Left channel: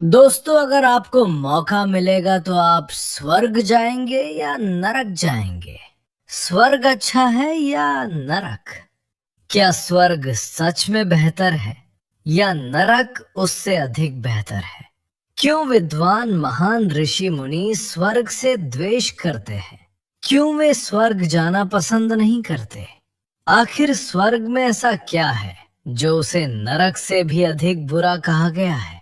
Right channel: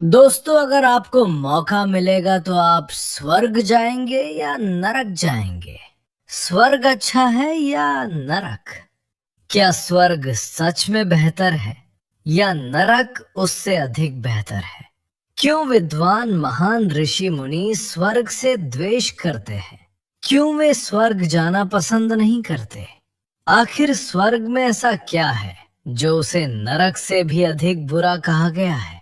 दोस्तों, अगर आपको मौका मिलेगा तो आप स्वर्ग जाएंगे या नरक जाएंगे? स्वर्ग अच्छा है या नरक? क्या स्वर्ग सच में बेहतर है या नरक उससे अधिक बेहतर है? क्यों विद्वान महान ऋषि मुनि स्वर्ग से द्वेष करते हैं? क्यों वे स्वर्ग जाना पसंद नहीं करते? आखिर स्वर्ग में ऐसा क्या है जो उसे नरक से भी अधिक बुरा कहा गया है?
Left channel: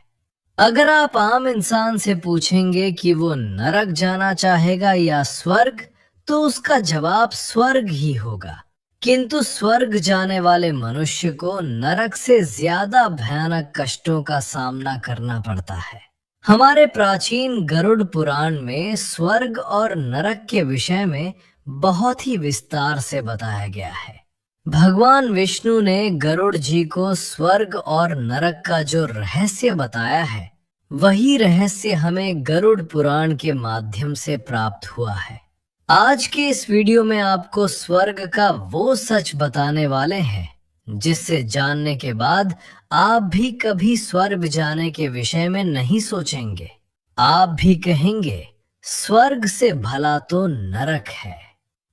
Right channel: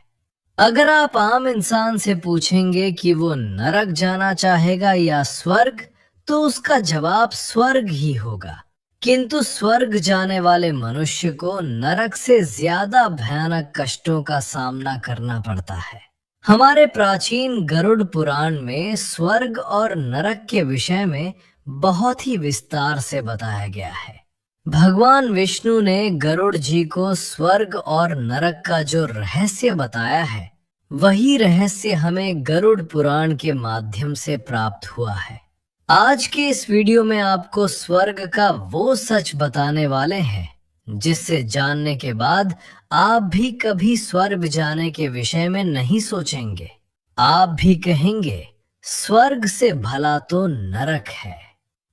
अगर आप आम इंसान से पूछेंगे कि वो नरक जाना चाहेगा या स्वर्ग, तो उसका जवाब स्वर्ग ही होगा। किंतु स्वर्ग जाने वाले मनुष्य को नरक से ज्यादा भयानक कष्टों का सामना करना पड़ता है। हमारे प्राचीन गरुड़ पुराण में स्वर्ग और नरक के विषय में बहुत ही विस्तार से बताया गया है। भगवान विष्णु ने गरुड़ जी को स्वर्ग और नरक का जो रहस्य बताया है, वही रहस्य हमें गरुड़ पुराण के माध्यम से प्राप्त हुआ है। आज के इस वीडियो में आपको स्वर्ग का वो सच बताने वाले हैं जिससे जानने के बाद आप भी कभी स्वर्ग जाने के विषय में नहीं सोचेंगे। आप भी कहेंगे स्वर्ग से भला तो नरक है।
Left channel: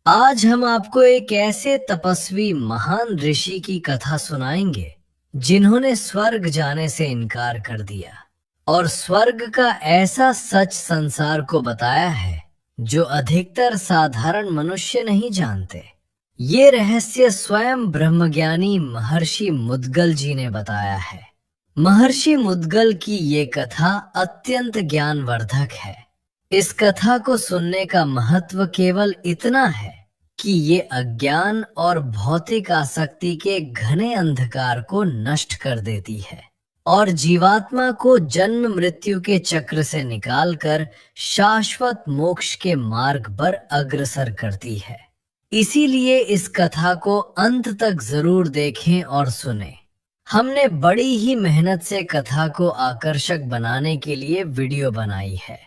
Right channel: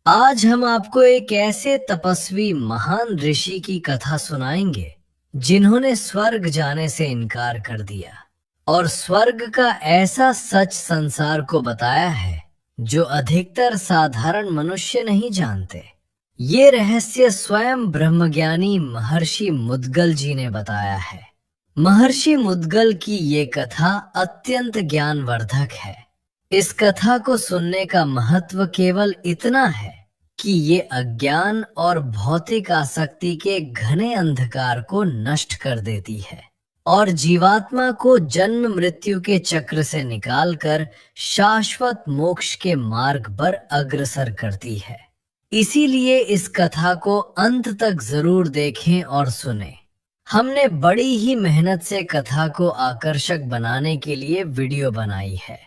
आज हम आपको एक ऐसे तपस्वी महान ऋषि की कथा सुनाएंगे जिन्होंने स्वर्ग जाने से इनकार कर दिया और स्वर्ग का ऐसा सच संसार को बताया है जो अधिकतर साधारण मनुष्य नहीं जानते। ये रहस्य स्वयं ब्रह्मज्ञानी महर्षि मुद्गल जी ने बताया है। महर्षि मुद्गल की ये कथा अत्यंत ज्ञानवर्धक है। इस कथा को सुनने का महत्व केवल इतना है कि ये अज्ञान और भौतिक आसक्ति के घने अंधकार को नष्ट कर देती है और जीवात्मा को जन्म मृत्यु के चक्र से निकालकर शाश्वत मोक्ष के मार्ग पर अग्रसर करती है। इसीलिए इस कथा को अंत तक जरूर देखें और सुनें। हमने बड़ी ही मेहनत से कथा को आकर्षक बनाने के लिए वीडियो बनाई है।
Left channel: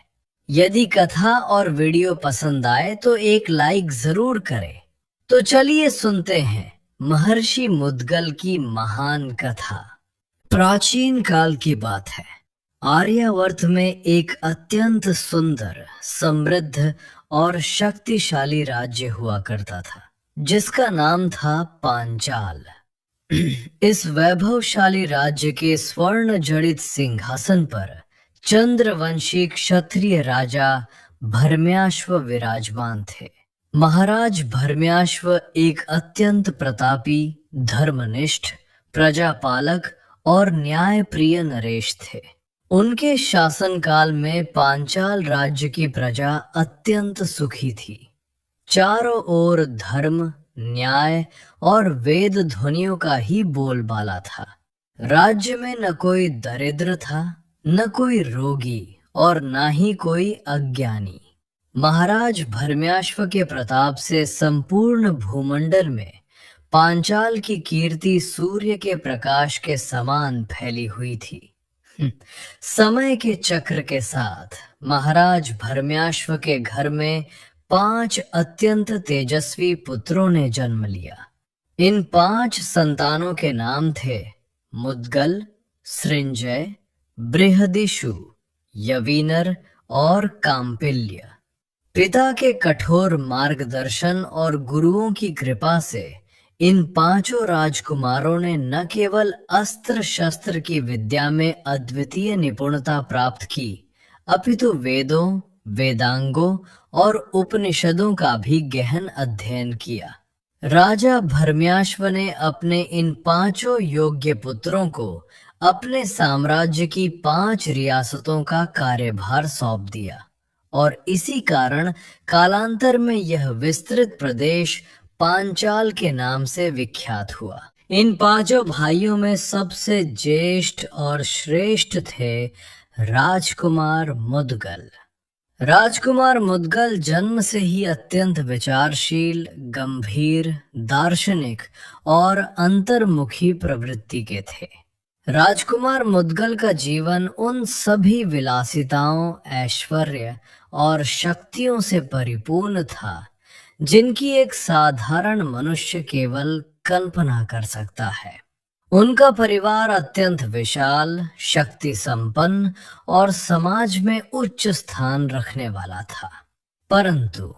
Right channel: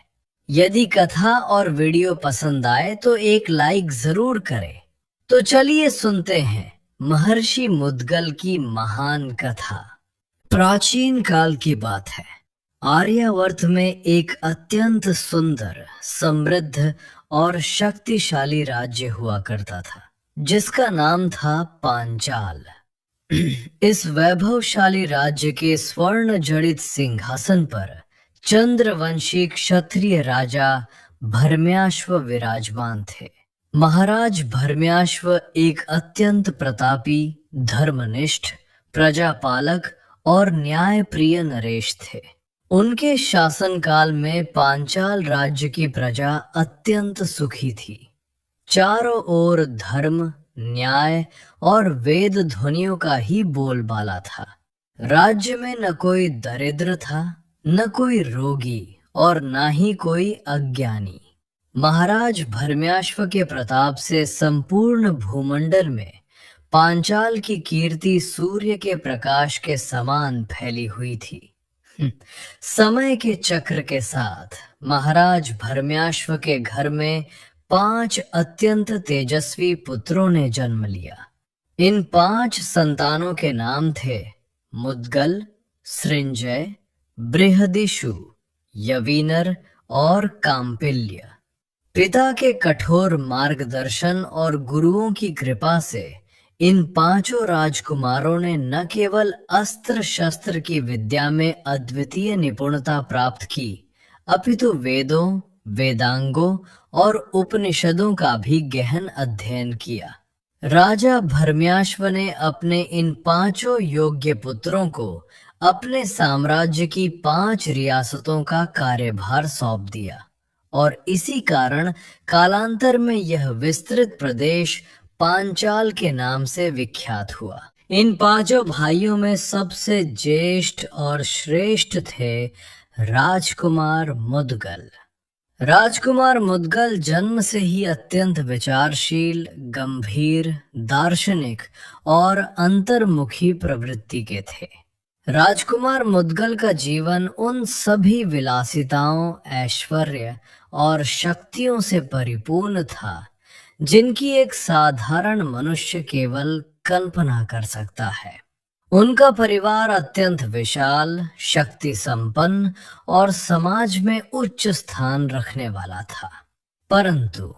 यदि कथा और वीडियो पसंद आए तो एक लाइक जरूर करें। तो चलिए सुनते हैं महर्षि मुद्गल की महान कथा। प्राचीन काल की बात है। आर्यावर्त में एक अत्यंत सुंदर, समृद्ध और शक्तिशाली राज्य हुआ करता था जिसका नाम था पांचाल। इस वैभवशाली राज्य के स्वर्ण जड़ित सिंहासन पर चंद्रवंशी क्षत्रिय राजा भरम्याश्व विराजमान थे। महाराज भरम्याश्व एक अत्यंत प्रतापी, धर्मनिष्ठ, प्रजापालक और न्यायप्रिय नरेश थे। उनके शासनकाल में पांचाल राज्य की प्रजा अत्यंत सुखी थी। चारों ओर धर्म, न्याय और वेद ध्वनियों का ही बोलबाला था। राज्य में न कोई दरिद्र था, न कोई रोगी और न ही कोई अज्ञानी। महाराज भरम्याश्व के प्रताप से संपूर्ण भूमंडल में पांचाल की कीर्ति सूर्य के प्रकाश के समान फैली हुई थी। समय के चक्र के साथ महाराज भरम्याश्व के घर में 5 अत्यंत तेजस्वी पुत्रों ने जन्म लिया। इन 5 संतानों के नाम थे मुद्गल, सृंजय, बृहदिषु, यवीनर और काम्पिल्य। पिता के कठोर मार्गदर्शन और गुरुओं की कृपा से इन 5 राजकुमारों ने न केवल अस्त्र शस्त्र की विद्या में अद्वितीय निपुणता प्राप्त की, अपितु वेदों, वेदांगों और उपनिषदों का भी गहन अध्ययन किया। राजा भरम्याश्व ने अपने इन 5 योग्य पुत्रों को अपने साम्राज्य की 5 रियासतों का कार्यभार सौंप दिया और इसी कारण कालांतर में यह विस्तृत प्रदेश पांचाल के नाम से विख्यात हुआ। इन 5 भाइयों में सबसे ज्येष्ठ और श्रेष्ठ थे राजकुमार मुद्गल। राजकुमार मुद्गल जन्म से ही अत्यंत विचारशील, गंभीर, दार्शनिक और अंतर्मुखी प्रवृत्ति के थे। राजकुमार मुद्गल का जीवन उन सभी विलासिताओं, ऐश्वर्य और शक्तियों से परिपूर्ण था जिनकी एक साधारण मनुष्य केवल कल्पना कर सकता है। उनका परिवार अत्यंत विशाल, शक्ति संपन्न और समाज में उच्च स्थान रखने वाला था। परंतु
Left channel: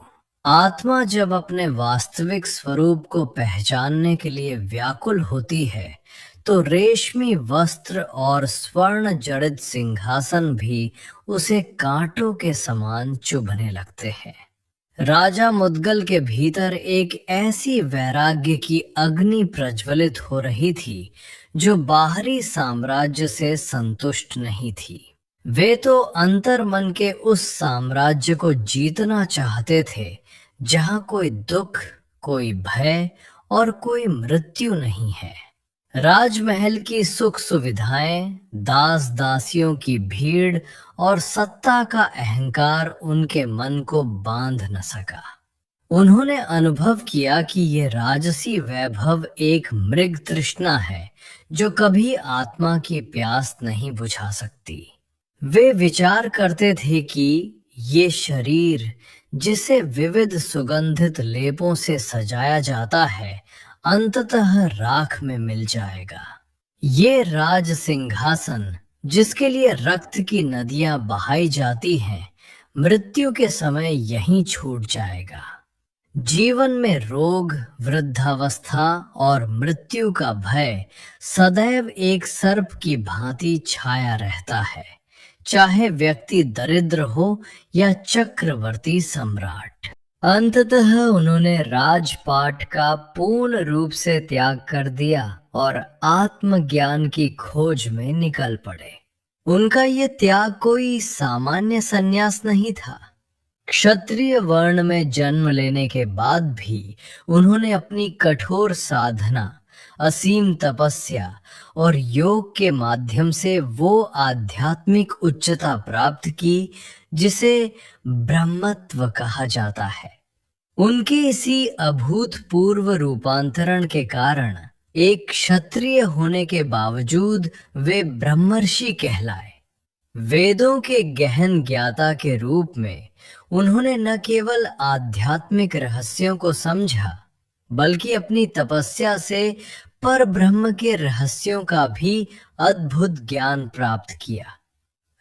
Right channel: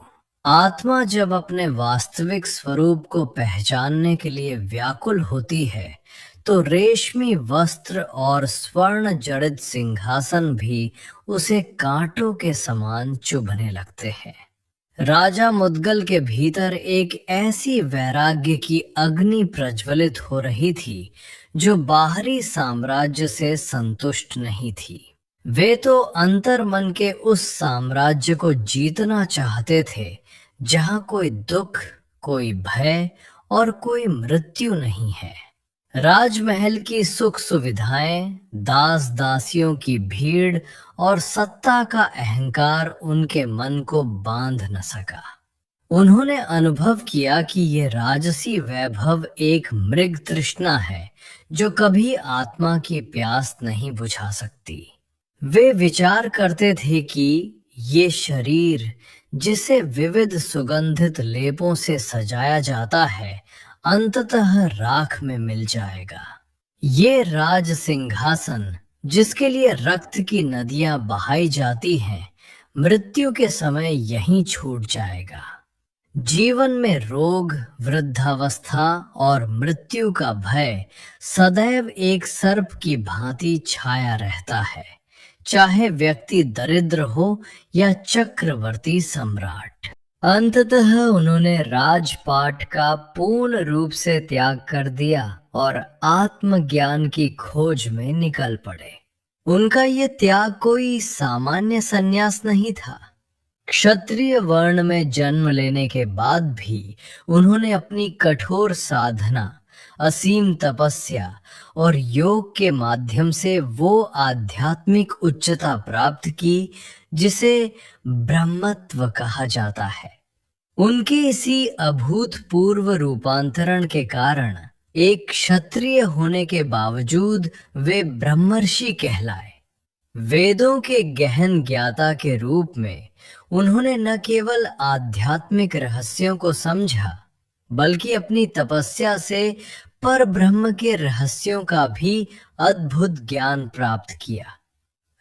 आत्मा जब अपने वास्तविक स्वरूप को पहचानने के लिए व्याकुल होती है, तो रेशमी वस्त्र और स्वर्ण जड़ित सिंहासन भी उसे कांटों के समान चुभने लगते हैं। राजा मुद्गल के भीतर एक ऐसी वैराग्य की अग्नि प्रज्वलित हो रही थी जो बाहरी साम्राज्य से संतुष्ट नहीं थी। वे तो अंतर मन के उस साम्राज्य को जीतना चाहते थे जहां कोई दुख, कोई भय और कोई मृत्यु नहीं है। राजमहल की सुख सुविधाएं, दास दासियों की भीड़ और सत्ता का अहंकार उनके मन को बांध न सका। उन्होंने अनुभव किया कि ये राजसी वैभव एक मृग तृष्णा है जो कभी आत्मा की प्यास नहीं बुझा सकती। वे विचार करते थे कि ये शरीर, जिसे विविध सुगंधित लेपों से सजाया जाता है, अंततः राख में मिल जाएगा। ये राज सिंहासन, जिसके लिए रक्त की नदियां बहाई जाती हैं, मृत्यु के समय यहीं छूट जाएगा। जीवन में रोग, वृद्धावस्था और मृत्यु का भय सदैव एक सर्प की भांति छाया रहता है, चाहे व्यक्ति दरिद्र हो या चक्रवर्ती सम्राट। अंततः उन्होंने राजपाट का पूर्ण रूप से त्याग कर दिया और आत्मज्ञान की खोज में निकल पड़े। उनका ये त्याग कोई सामान्य संन्यास नहीं था। क्षत्रिय वर्ण में जन्म लेने के बाद भी उन्होंने अपनी कठोर साधना, असीम तपस्या और योग के माध्यम से वो आध्यात्मिक उच्चता प्राप्त की जिसे ब्रह्मत्व कहा जाता है। उनके इसी अभूतपूर्व रूपांतरण के कारण एक क्षत्रिय होने के बावजूद वे ब्रह्मर्षि कहलाए। वेदों के गहन ज्ञाता के रूप में उन्होंने न केवल आध्यात्मिक रहस्यों को समझा, बल्कि अपनी तपस्या से पर ब्रह्म के रहस्यों का भी अद्भुत ज्ञान प्राप्त किया।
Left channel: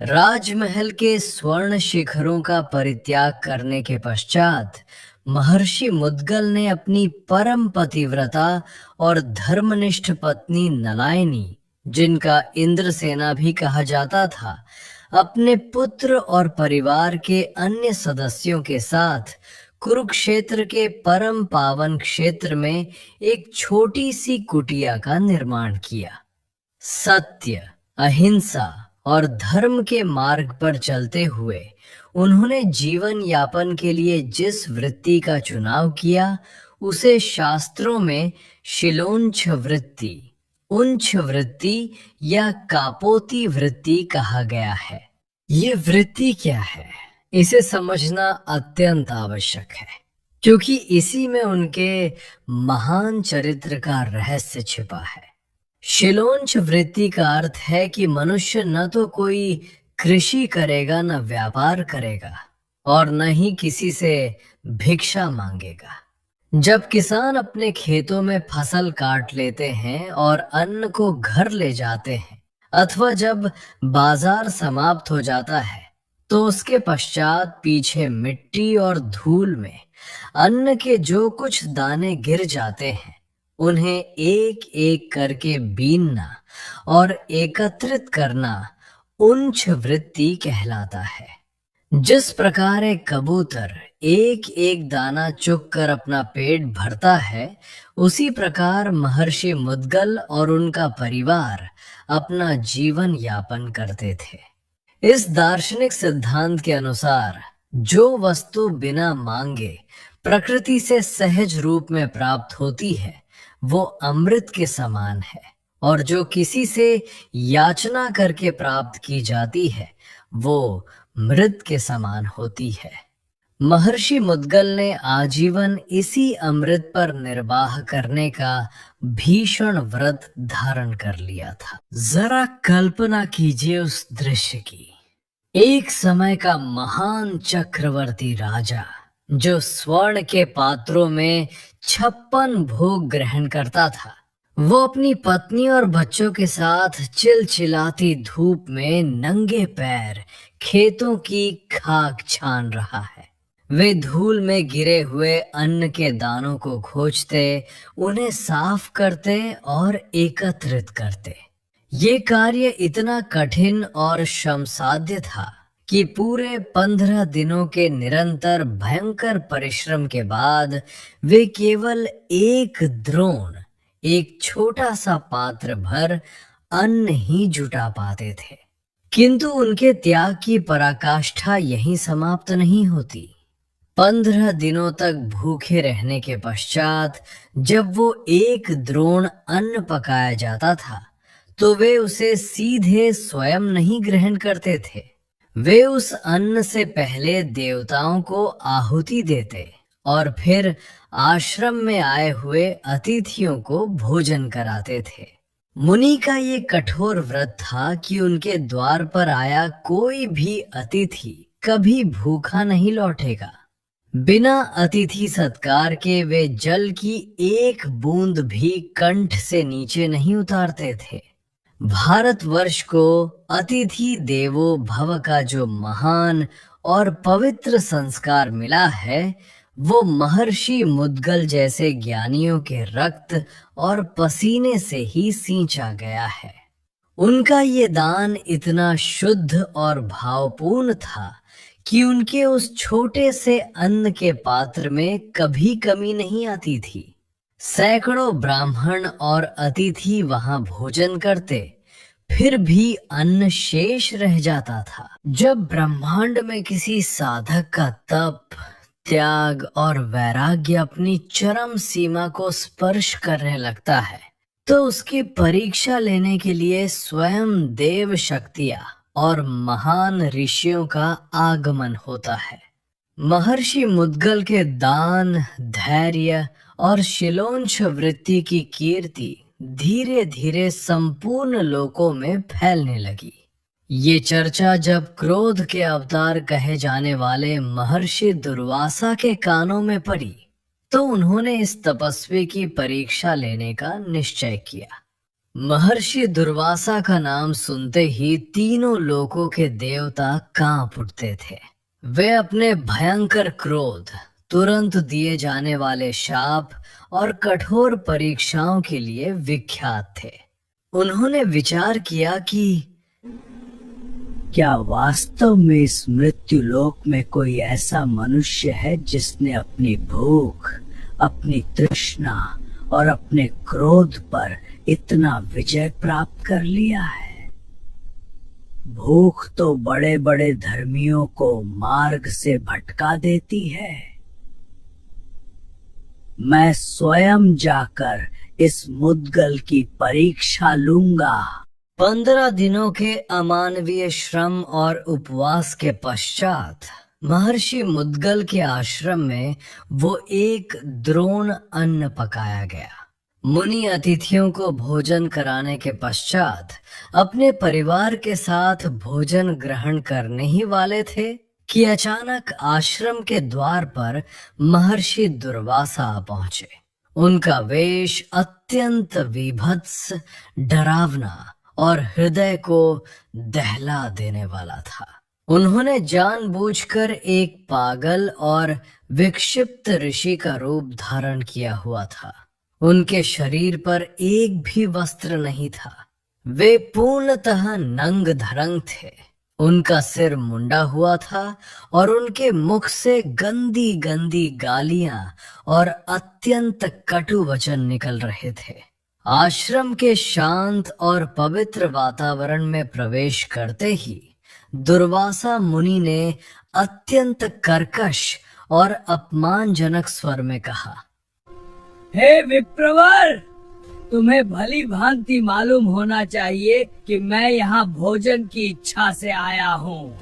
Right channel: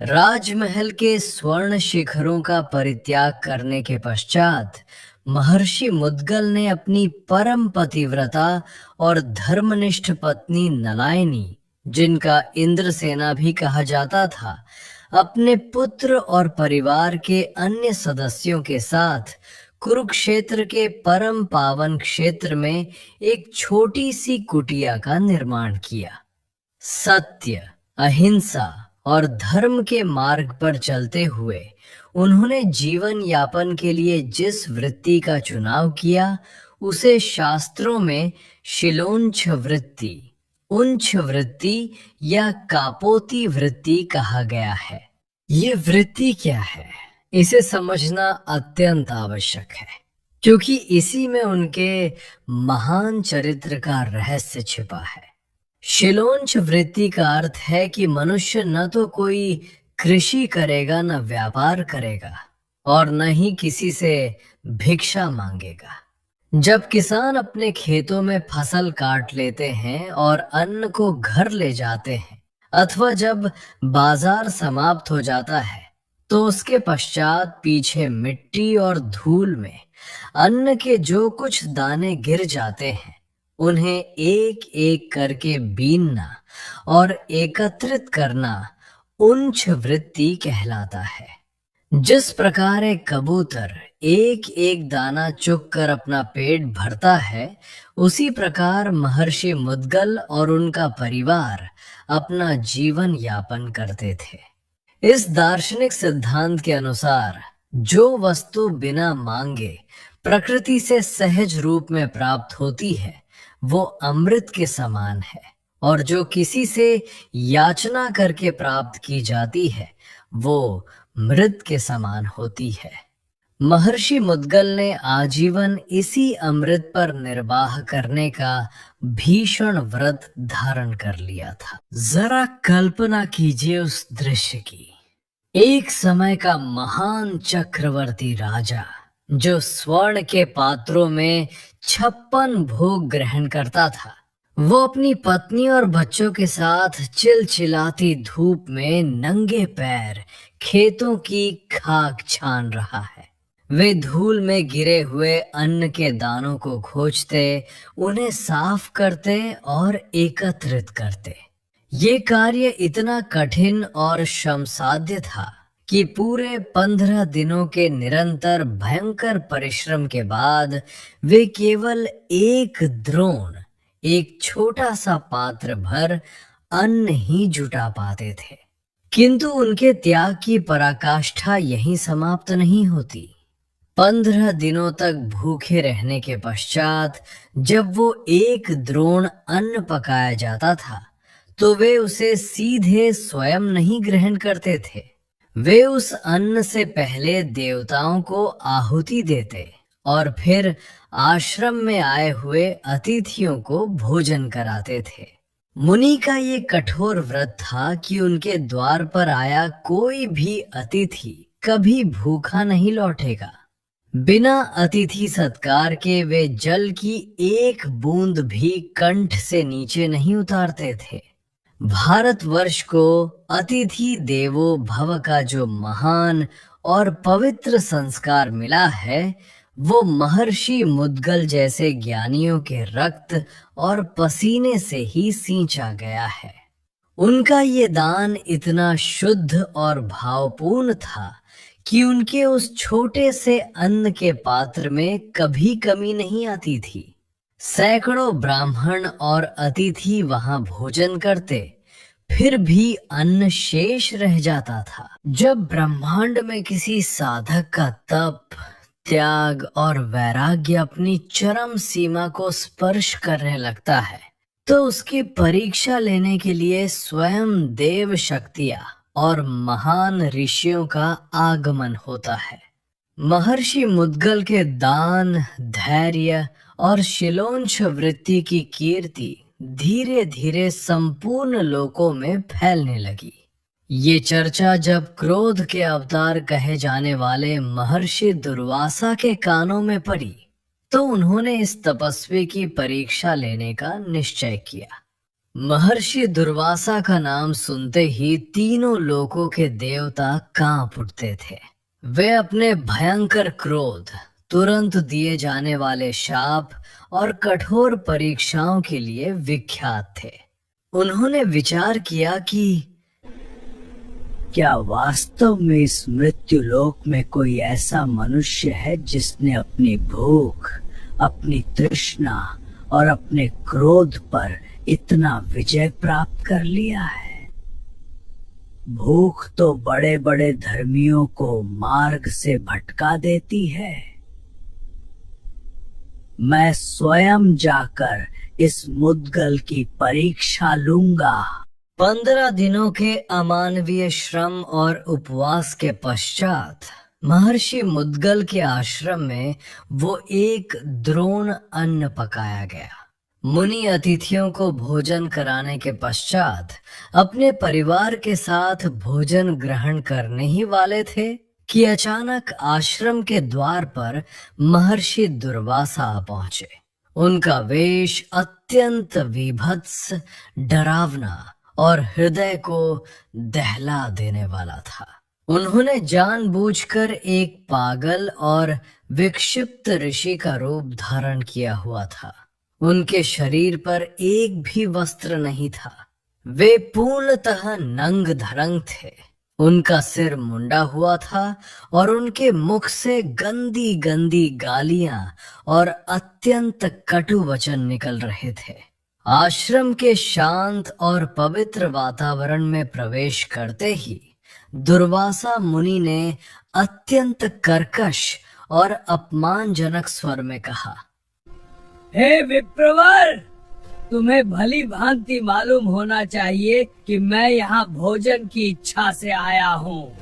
राजमहल के स्वर्ण शिखरों का परित्याग करने के पश्चात महर्षि मुद्गल ने अपनी परम पतिव्रता और धर्मनिष्ठ पत्नी नलायनी, जिनका इंद्रसेना भी कहा जाता था, अपने पुत्र और परिवार के अन्य सदस्यों के साथ कुरुक्षेत्र के परम पावन क्षेत्र में एक छोटी सी कुटिया का निर्माण किया। सत्य, अहिंसा और धर्म के मार्ग पर चलते हुए उन्होंने जीवन यापन के लिए जिस वृत्ति का चुनाव किया, उसे शास्त्रों में शिलोंछ वृत्ति, उंछ वृत्ति या कापोती वृत्ति कहा गया है। ये वृत्ति क्या है, इसे समझना अत्यंत आवश्यक है, क्योंकि इसी में उनके महान चरित्र का रहस्य छिपा है। शिलोंच वृत्ति का अर्थ है कि मनुष्य न तो कोई कृषि करेगा, न व्यापार करेगा और न ही किसी से भिक्षा मांगेगा। जब किसान अपने खेतों में फसल काट लेते हैं और अन्न को घर ले जाते हैं, अथवा जब बाजार समाप्त हो जाता है, तो उसके पश्चात पीछे मिट्टी और धूल में अन्न के जो कुछ दाने गिर जाते हैं, उन्हें एक एक करके बीनना और एकत्रित करना उंच वृत्ति कहलाता है। जिस प्रकार एक कबूतर एक एक दाना चुग कर अपना पेट भरता है, उसी प्रकार महर्षि मुद्गल और उनका परिवार अपना जीवन यापन करते थे। इस दार्शनिक सिद्धांत के अनुसार जो वस्तु बिना मांगे प्रकृति से सहज रूप में प्राप्त होती है, वो अमृत के समान है, और जो किसी से याचना करके प्राप्त की जाती है, वो मृत के समान होती है। महर्षि मुद्गल ने आजीवन इसी अमृत पर निर्वाह करने का भीषण व्रत धारण कर लिया था। जरा कल्पना कीजिए उस दृश्य की। एक समय का महान चक्रवर्ती राजा, जो स्वर्ण के पात्रों में 56 भोग ग्रहण करता था, वो अपनी पत्नी और बच्चों के साथ चिलचिलाती धूप में नंगे पैर खेतों की खाक छान रहा है। वे धूल में गिरे हुए अन्न के दानों को खोजते, उन्हें साफ करते और एकत्रित करते। ये कार्य इतना कठिन और श्रमसाध्य था कि पूरे 15 दिनों के निरंतर भयंकर परिश्रम के बाद वे केवल एक द्रोण, एक छोटा सा पात्र भर अन्न ही जुटा पाते थे। किंतु उनके त्याग की पराकाष्ठा यहीं समाप्त नहीं होती। 15 दिनों तक भूखे रहने के पश्चात जब वो एक द्रोण अन्न पकाया जाता था, तो वे उसे सीधे स्वयं नहीं ग्रहण करते थे। वे उस अन्न से पहले देवताओं को आहुति देते और फिर आश्रम में आए हुए अतिथियों को भोजन कराते थे। मुनि का ये कठोर व्रत था कि उनके द्वार पर आया कोई भी अतिथि कभी भूखा नहीं लौटेगा। बिना अतिथि सत्कार के वे जल की एक बूंद भी कंठ से नीचे नहीं उतारते थे। भारतवर्ष को अतिथि देवो भव का जो महान और पवित्र संस्कार मिला है, वो महर्षि मुद्गल जैसे ज्ञानियों के रक्त और पसीने से ही सींचा गया है। उनका ये दान इतना शुद्ध और भावपूर्ण था कि उनके उस छोटे से अन्न के पात्र में कभी कमी नहीं आती थी। सैकड़ों ब्राह्मण और अतिथि वहां भोजन करते, फिर भी अन्न शेष रह जाता था। जब ब्रह्मांड में किसी साधक का तप, त्याग और वैराग्य अपनी चरम सीमा को स्पर्श करने लगता है, तो उसकी परीक्षा लेने के लिए स्वयं देव शक्तियां और महान ऋषियों का आगमन होता है। महर्षि मुद्गल के दान, धैर्य और शिलोंच वृत्ति की कीर्ति धीरे धीरे संपूर्ण लोकों में फैलने लगी। ये चर्चा जब क्रोध के अवतार कहे जाने वाले महर्षि दुर्वासा के कानों में पड़ी, तो उन्होंने इस तपस्वी की परीक्षा लेने का निश्चय किया। महर्षि दुर्वासा का नाम सुनते ही तीनों लोकों के देवता कांप उठते थे। वे अपने भयंकर क्रोध, तुरंत दिए जाने वाले शाप और कठोर परीक्षाओं के लिए विख्यात थे। उन्होंने विचार किया कि क्या वास्तव में इस मृत्यु लोक में कोई ऐसा मनुष्य है जिसने अपनी भूख, अपनी तृष्णा और अपने क्रोध पर इतना विजय प्राप्त कर लिया है। भूख तो बड़े बड़े धर्मियों को मार्ग से भटका देती है। मैं स्वयं जाकर इस मुद्गल की परीक्षा लूंगा। 15 दिनों के अमानवीय श्रम और उपवास के पश्चात महर्षि मुद्गल के आश्रम में वो एक द्रोण अन्न पकाया गया। मुनि अतिथियों को भोजन कराने के पश्चात अपने परिवार के साथ भोजन ग्रहण करने ही वाले थे कि अचानक आश्रम के द्वार पर महर्षि दुर्वासा आ पहुंचे। उनका वेश अत्यंत विभत्स, डरावना और हृदय को दहला देने वाला था। उन्होंने जानबूझकर एक पागल और विक्षिप्त ऋषि का रूप धारण किया हुआ था। उनके शरीर पर एक भी वस्त्र नहीं था। वे पूर्णतः नंग धरंग थे। उनका सिर मुंडा हुआ था और उनके मुख से गंदी गंदी गालियां और अत्यंत कटु वचन निकल रहे थे। आश्रम के शांत और पवित्र वातावरण में प्रवेश करते ही दुर्वासा मुनि ने अत्यंत कर्कश और अपमानजनक स्वर में कहा, हे विप्रवर, तुम्हें भली भांति मालूम होना चाहिए कि मैं यहाँ भोजन की इच्छा से आया हूँ।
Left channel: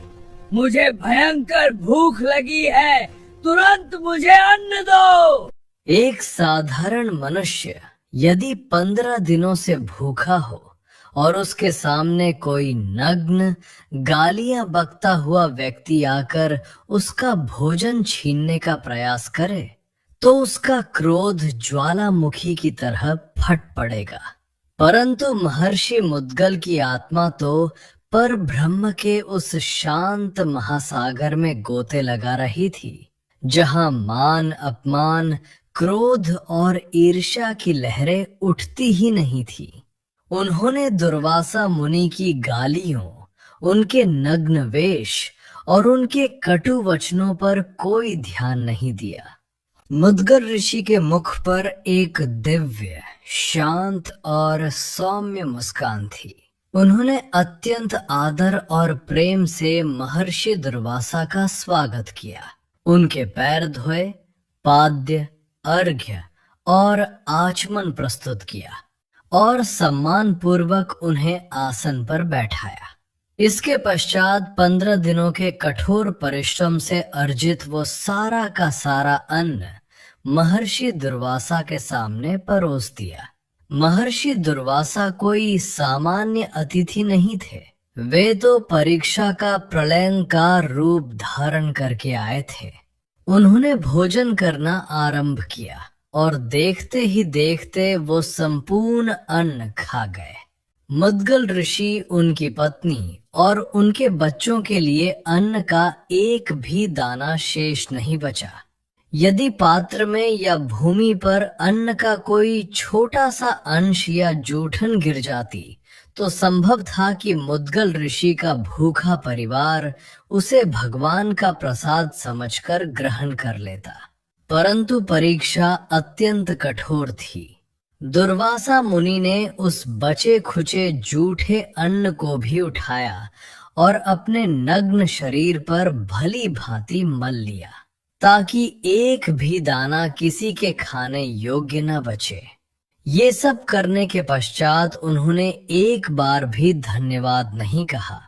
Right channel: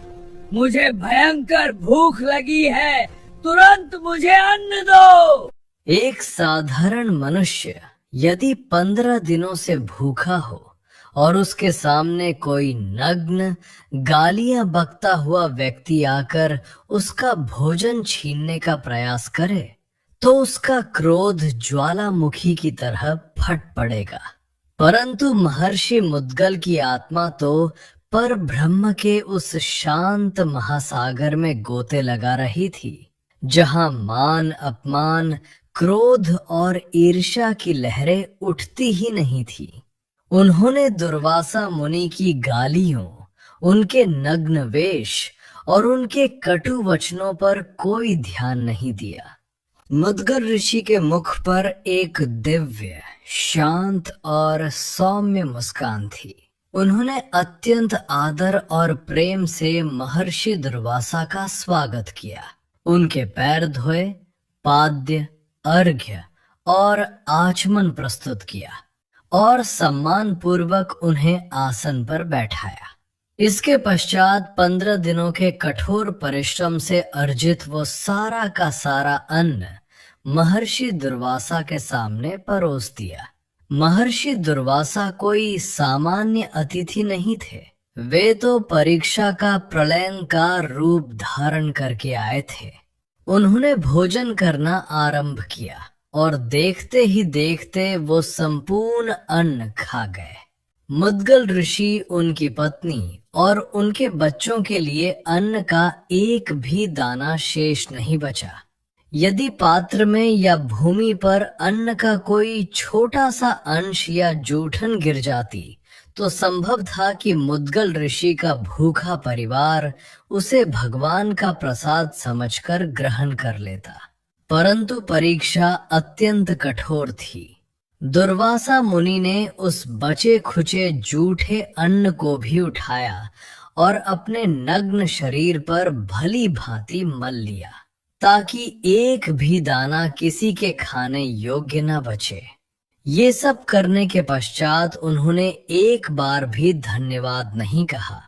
मुझे भयंकर भूख लगी है, तुरंत मुझे अन्न दो। एक साधारण मनुष्य यदि 15 दिनों से भूखा हो और उसके सामने कोई नग्न, गालियां बकता हुआ व्यक्ति आकर उसका भोजन छीनने का प्रयास करे, तो उसका क्रोध ज्वालामुखी की तरह फट पड़ेगा। परंतु महर्षि मुद्गल की आत्मा तो पर ब्रह्म के उस शांत महासागर में गोते लगा रही थी, जहां मान अपमान, क्रोध और ईर्ष्या की लहरें उठती ही नहीं थी। उन्होंने दुर्वासा मुनि की गालियों, उनके नग्न वेश और उनके कटु वचनों पर कोई ध्यान नहीं दिया। मुद्गल ऋषि के मुख पर एक दिव्य, शांत और सौम्य मुस्कान थी। उन्होंने अत्यंत आदर और प्रेम से महर्षि दुर्वासा का स्वागत किया, उनके पैर धोए, पाद्य, अर्घ्य और आचमन प्रस्तुत किया और सम्मान पूर्वक उन्हें आसन पर बैठाया। इसके पश्चात 15 दिनों के कठोर परिश्रम से अर्जित वो सारा का सारा अन्न महर्षि दुर्वासा के सामने परोस दिया। महर्षि दुर्वासा कोई सामान्य अतिथि नहीं थे। वे तो परीक्षा का प्रलयंकार रूप धारण करके आए थे। उन्होंने भोजन करना आरंभ किया और देखते ही देखते वो संपूर्ण अन्न खा गए। मुद्गल ऋषि, उनकी पत्नी और उनके बच्चों के लिए अन्न का एक भी दाना शेष नहीं बचा। यदि पात्र में या भूमि पर अन्न का कोई छोटा सा अंश या जूठन गिर जाती तो संभव था कि मुद्गल ऋषि का भूखा परिवार उसे भगवान का प्रसाद समझकर ग्रहण कर लेता। परंतु परीक्षा अत्यंत कठोर थी। दुर्वासा मुनि ने उस बचे खुचे जूठे अन्न को भी उठाया और अपने नग्न शरीर पर भली भांति मल लिया, ताकि एक भी दाना किसी के खाने योग्य न बचे। ये सब करने के पश्चात उन्होंने एक बार भी धन्यवाद नहीं कहा,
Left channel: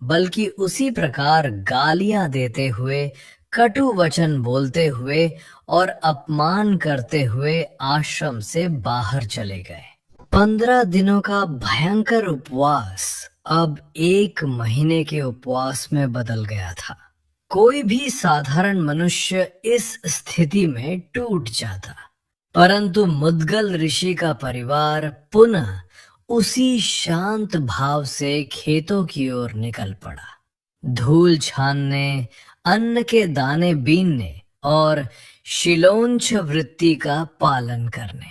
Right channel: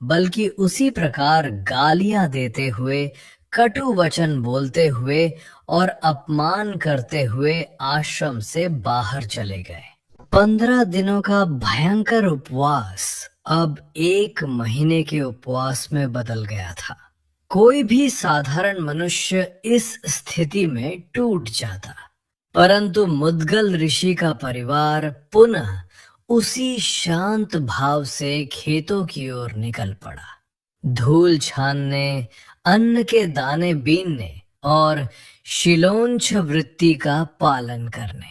बल्कि उसी प्रकार गालियां देते हुए, कटु वचन बोलते हुए और अपमान करते हुए आश्रम से बाहर चले गए। 15 दिनों का भयंकर उपवास अब 1 महीने के उपवास में बदल गया था। कोई भी साधारण मनुष्य इस स्थिति में टूट जाता, परंतु मुद्गल ऋषि का परिवार पुनः उसी शांत भाव से खेतों की ओर निकल पड़ा, धूल छानने, अन्न के दाने बीनने और शिलोंच वृत्ति का पालन करने।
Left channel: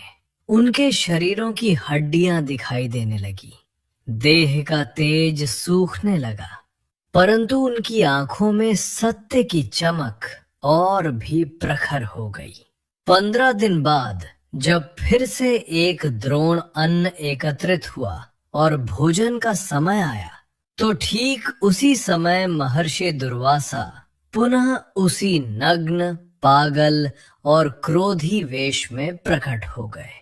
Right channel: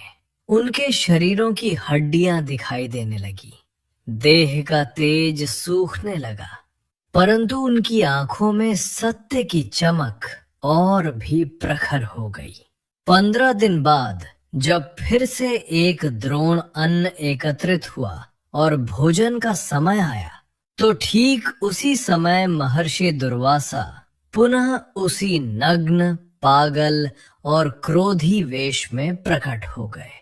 उनके शरीरों की हड्डियां दिखाई देने लगी, देह का तेज सूखने लगा, परंतु उनकी आंखों में सत्य की चमक और भी प्रखर हो गई। 15 दिन बाद जब फिर से एक द्रोण अन्न एकत्रित हुआ और भोजन का समय आया, तो ठीक उसी समय महर्षि दुर्वासा पुनः उसी नग्न, पागल और क्रोधी वेश में प्रकट हो गए।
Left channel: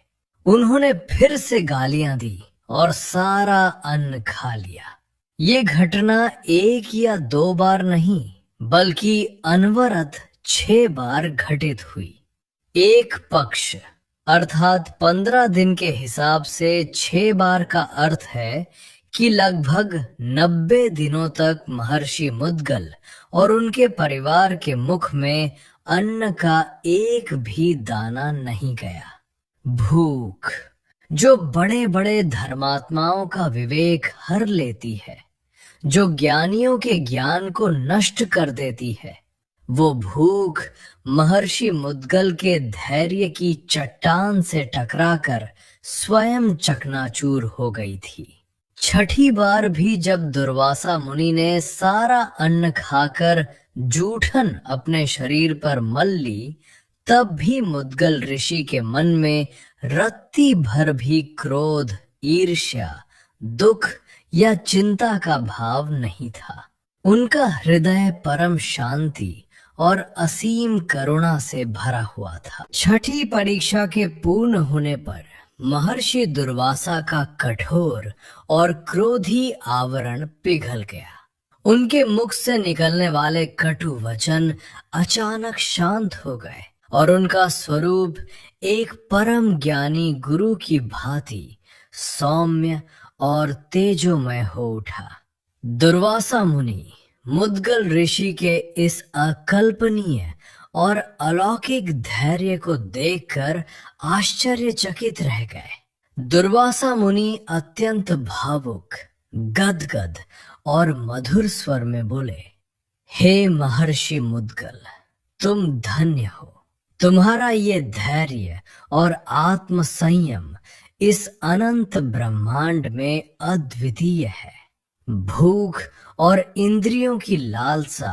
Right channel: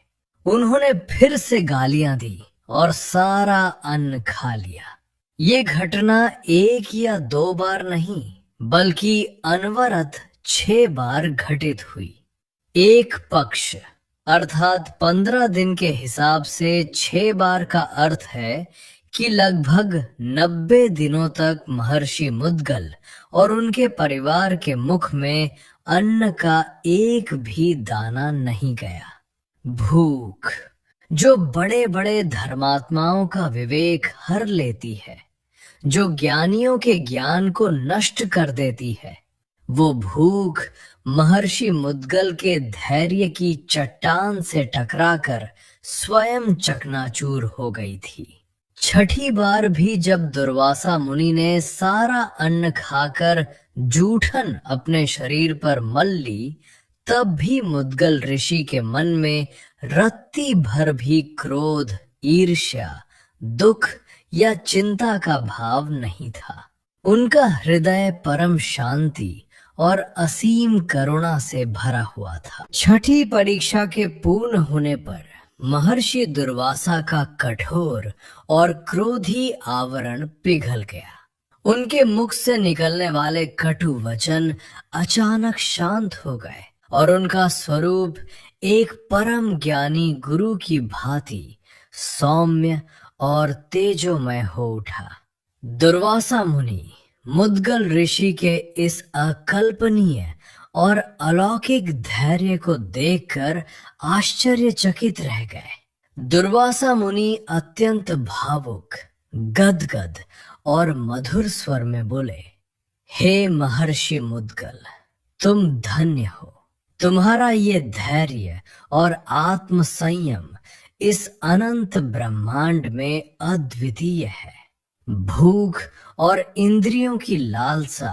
उन्होंने फिर से गालियां दी और सारा अन्न खा लिया। ये घटना 1 या 2 बार नहीं, बल्कि अनवरत 6 बार घटित हुई। एक पक्ष अर्थात 15 दिन के हिसाब से 6 बार का अर्थ है कि लगभग 90 दिनों तक महर्षि मुद्गल और उनके परिवार के मुख में अन्न का एक भी दाना नहीं गया। भूख, जो बड़े बड़े धर्मात्माओं का विवेक हर लेती है, जो ज्ञानियों के ज्ञान को नष्ट कर देती है, वो भूख महर्षि मुद्गल के धैर्य की चट्टान से टकराकर स्वयं चकनाचूर हो गई थी। 6ठी बार भी जब दुर्वासा मुनि ने सारा अन्न खाकर जूठन अपने शरीर पर मल ली, तब भी मुद्गल ऋषि के मन में रत्ती भर भी क्रोध, ईर्ष्या, दुख या चिंता का भाव नहीं था। उनका हृदय परम शांति और असीम करुणा से भरा हुआ था। 6ठी परीक्षा के पूर्ण होने पर महर्षि दुर्वासा का कठोर और क्रोधी आवरण पिघल गया। उनके मुख से निकलने वाले कटु वचन अचानक शांत हो गए और उनका स्वरूप एक परम ज्ञानी गुरु की भांति सौम्य और तेजोमय हो उठा। दुर्वासा मुनि मुद्गल ऋषि के इस अकल्पनीय और अलौकिक धैर्य को देखकर आश्चर्यचकित रह गए। दुर्वासा मुनि अत्यंत भावुक, गदगद और मधुर स्वर में बोले, हे महर्षि मुद्गल, तुम धन्य हो। तुम्हारा ये धैर्य और आत्म संयम इस अनंत ब्रह्मांड में अद्वितीय है। भूख और इंद्रियों की लालसा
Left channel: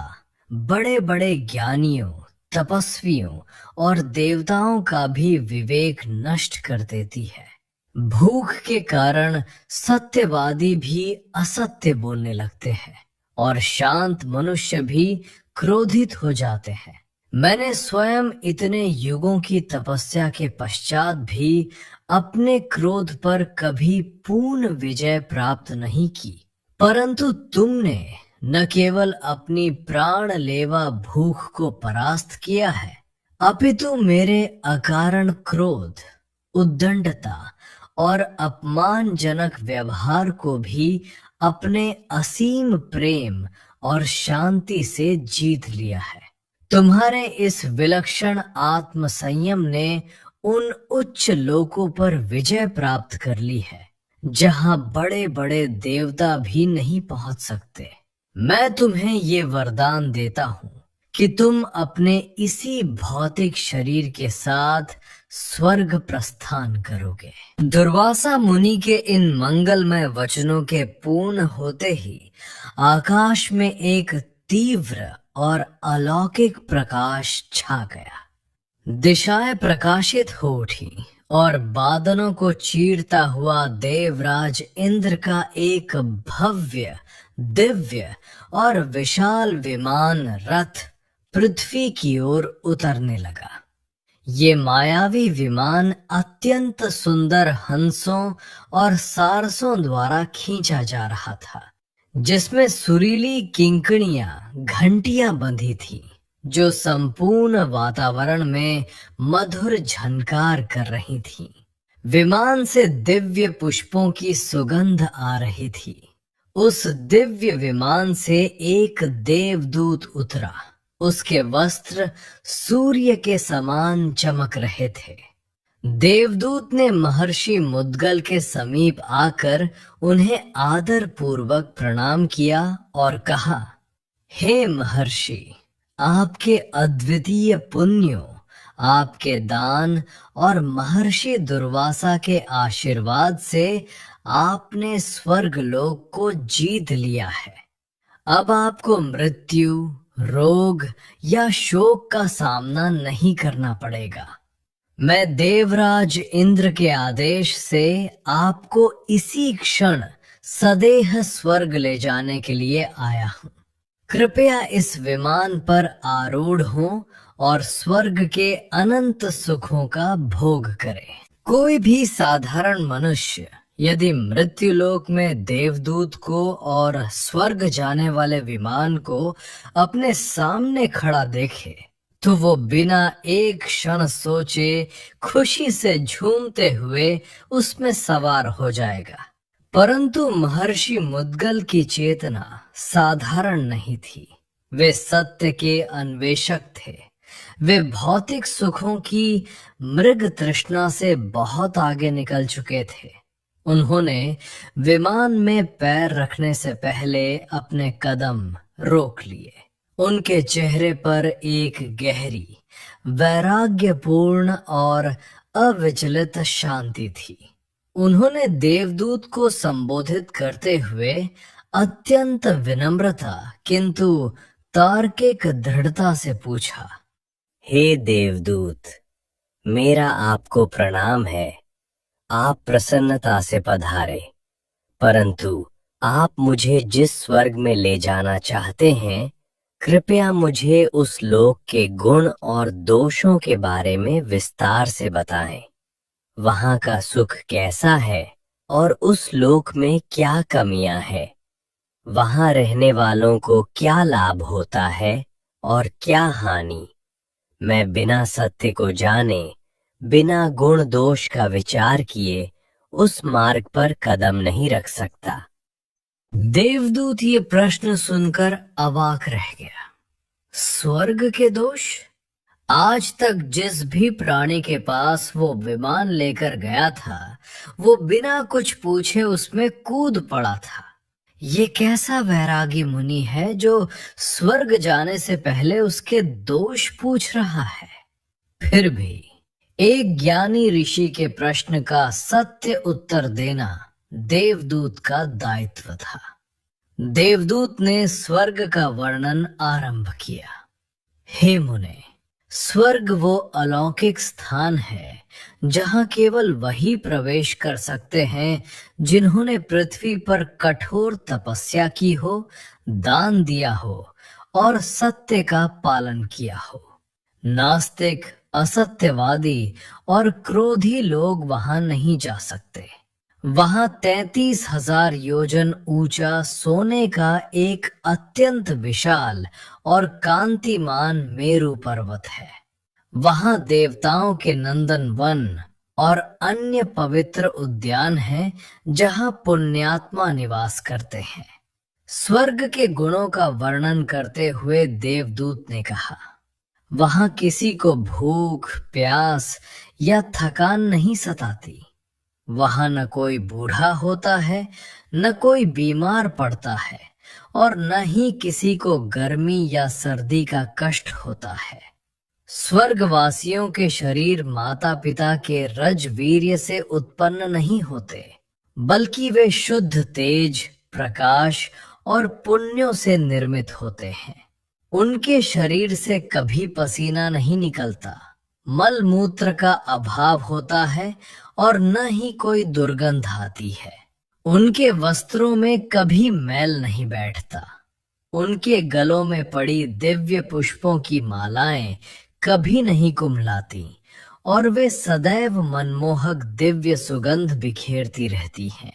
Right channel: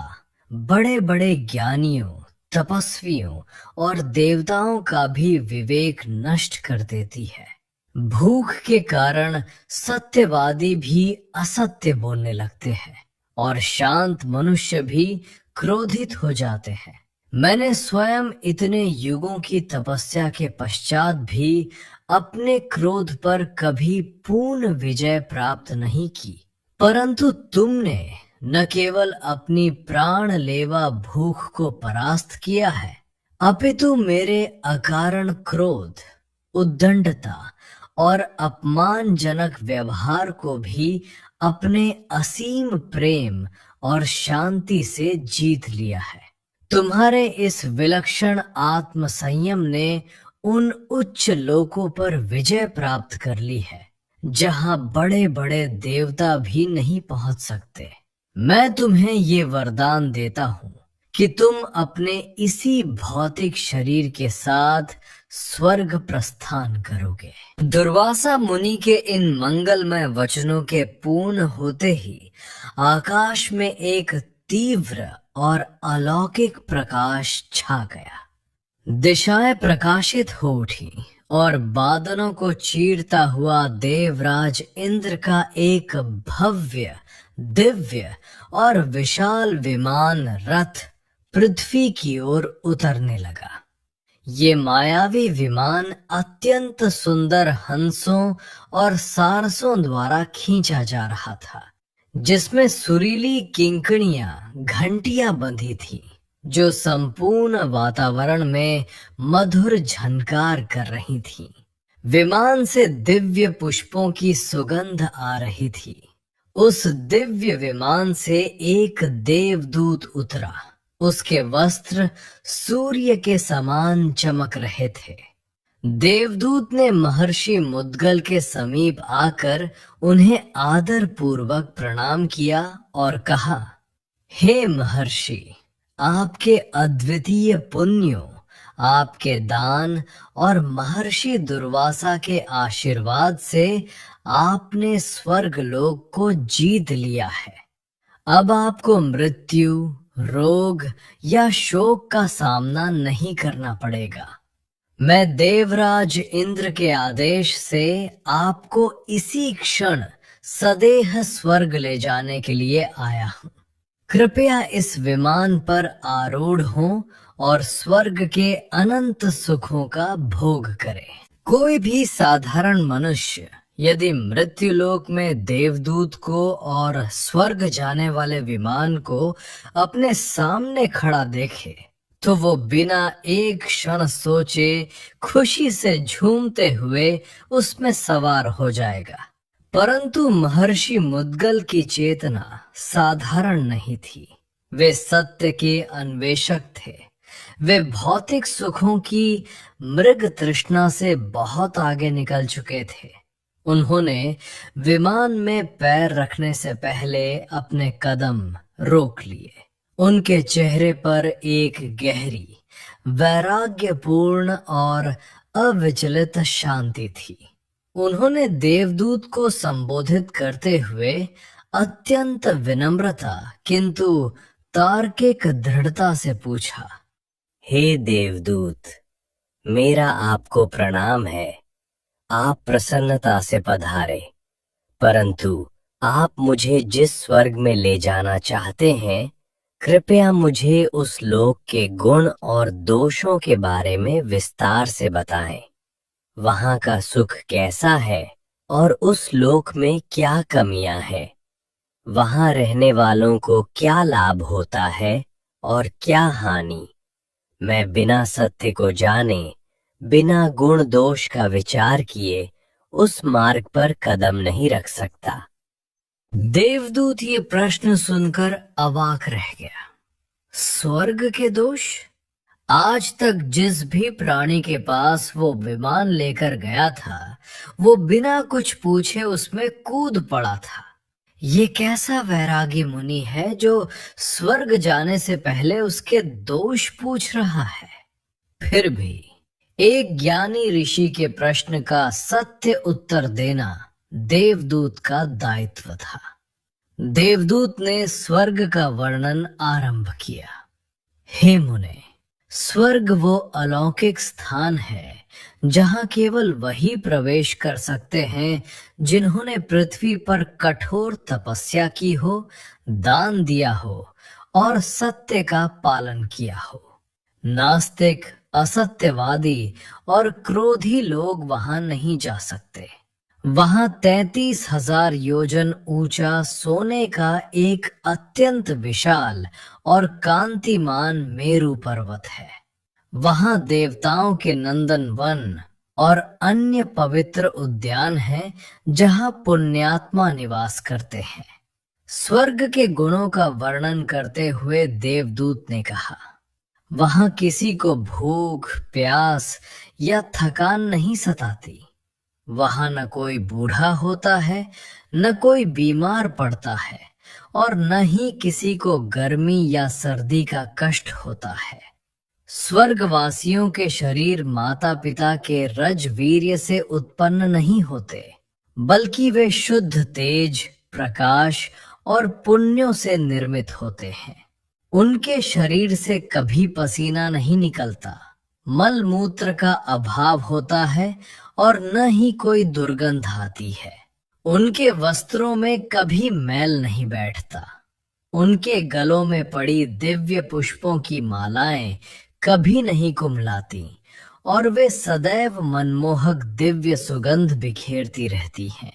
बड़े बड़े ज्ञानियों, तपस्वियों और देवताओं का भी विवेक नष्ट कर देती है। भूख के कारण सत्यवादी भी असत्य बोलने लगते हैं और शांत मनुष्य भी क्रोधित हो जाते हैं। मैंने स्वयं इतने युगों की तपस्या के पश्चात भी अपने क्रोध पर कभी पूर्ण विजय प्राप्त नहीं की, परंतु तुमने न केवल अपनी प्राण लेवा भूख को परास्त किया है, अपितु मेरे अकारण क्रोध, उद्दंडता और अपमानजनक व्यवहार को भी अपने असीम प्रेम और शांति से जीत लिया है। तुम्हारे इस विलक्षण आत्म संयम ने उन उच्च लोकों पर विजय प्राप्त कर ली है जहां बड़े बड़े देवता भी नहीं पहुंच सकते। मैं तुम्हें ये वरदान देता हूँ कि तुम अपने इसी भौतिक शरीर के साथ स्वर्ग प्रस्थान करोगे। दुर्वासा मुनि के इन मंगलमय वचनों के पूर्ण होते ही आकाश में एक तीव्र और अलौकिक प्रकाश छा गया। दिशाएं प्रकाशित हो उठी और बादलों को चीरता हुआ देवराज इंद्र का एक भव्य, दिव्य और विशाल विमान रथ पृथ्वी की ओर उतरने लगा। ये मायावी विमान अत्यंत सुंदर हंसों और सारसों द्वारा खींचा जा रहा था, जिसमें सुरीली किंकणियां, घंटियां बंधी थी, जो संपूर्ण वातावरण में मधुर झनकार कर रही थी। विमान से दिव्य पुष्पों की सुगंध आ रही थी। उस दिव्य विमान से एक देवदूत उतरा। उसके वस्त्र सूर्य के समान चमक रहे थे। देवदूत ने महर्षि मुद्गल के समीप आकर उन्हें आदर पूर्वक प्रणाम किया और कहा, हे महर्षि, आपके अद्वितीय पुण्यों, आपके दान और महर्षि दुर्वासा के आशीर्वाद से आपने स्वर्ग लोक को जीत लिया है। अब आपको मृत्यु, रोग या शोक का सामना नहीं करना पड़ेगा। मैं देवराज इंद्र के आदेश से आपको इसी क्षण सदेह स्वर्ग ले जाने के लिए आया हूँ। कृपया इस विमान पर आरूढ़ हों और स्वर्ग के अनंत सुखों का भोग करें। कोई भी साधारण मनुष्य यदि मृत्युलोक में देवदूत को और स्वर्ग जाने वाले विमान को अपने सामने खड़ा देखे तो वो बिना एक क्षण सोचे खुशी से झूमते हुए उसमें सवार हो जाएगा। परंतु महर्षि मुद्गल की चेतना साधारण नहीं थी। वे सत्य के अन्वेषक थे। वे भौतिक सुखों की मृग तृष्णा से बहुत आगे निकल चुके थे। उन्होंने विमान में पैर रखने से पहले अपने कदम रोक लिए। उनके चेहरे पर एक गहरी, वैराग्यपूर्ण और अविचलित शांति थी। उन्होंने देवदूत को संबोधित करते हुए अत्यंत विनम्रता किंतु तार्किक दृढ़ता से पूछा, हे देवदूत, मेरा आपको प्रणाम है। आप प्रसन्नता से पधारे, परंतु आप मुझे जिस स्वर्ग में ले जाना चाहते हैं, कृपया मुझे उस लोक के गुण और दोषों के बारे में विस्तार से बताएं। वहां का सुख कैसा है और उस लोक में क्या कमियां हैं? वहां रहने वालों को क्या लाभ होता है और क्या हानि? मैं बिना सत्य को जाने, बिना गुण दोष का विचार किए उस मार्ग पर कदम नहीं रख सकता। देवदूत ये प्रश्न सुनकर अवाक रह गया। स्वर्ग के दोष? आज तक जिस भी प्राणी के पास वो विमान लेकर गया था, वो बिना कुछ पूछे उसमें कूद पड़ा था। ये कैसा वैरागी मुनि है जो स्वर्ग जाने से पहले उसके दोष पूछ रहा है। फिर भी एक ज्ञानी ऋषि के प्रश्न का सत्य उत्तर देना देवदूत का दायित्व था। देवदूत ने स्वर्ग का वर्णन आरंभ किया। हे मुने, स्वर्ग वो अलौकिक स्थान है जहां केवल वही प्रवेश कर सकते हैं जिन्होंने पृथ्वी पर कठोर तपस्या की हो, दान दिया हो और सत्य का पालन किया हो। नास्तिक, असत्यवादी और क्रोधी लोग वहां नहीं जा सकते। वहां 33,000 योजन ऊंचा सोने का एक अत्यंत विशाल और कांतिमान मेरु पर्वत है। वहां देवताओं के नंदन वन और अन्य पवित्र उद्यान हैं जहां पुण्यात्मा निवास करते हैं। स्वर्ग के गुणों का वर्णन करते हुए देवदूत ने कहा, वहां किसी को भूख, प्यास या थकान नहीं सताती। वहां न कोई बूढ़ा होता है, न कोई बीमार पड़ता है और न ही किसी को गर्मी या सर्दी का कष्ट होता है। स्वर्गवासियों के शरीर माता पिता के रज वीर्य से उत्पन्न नहीं होते, बल्कि वे शुद्ध तेज, प्रकाश और पुण्यों से निर्मित होते हैं। उनके शरीर से कभी पसीना नहीं निकलता, मल मूत्र का अभाव होता है और न ही कोई दुर्गंध आती है। उनके वस्त्रों में कभी मैल नहीं बैठता। उनके गलों में पड़ी दिव्य पुष्पों की मालाएं कभी नहीं कुम्हलाती और वे सदैव मनमोहक दिव्य सुगंध बिखेरती रहती हैं।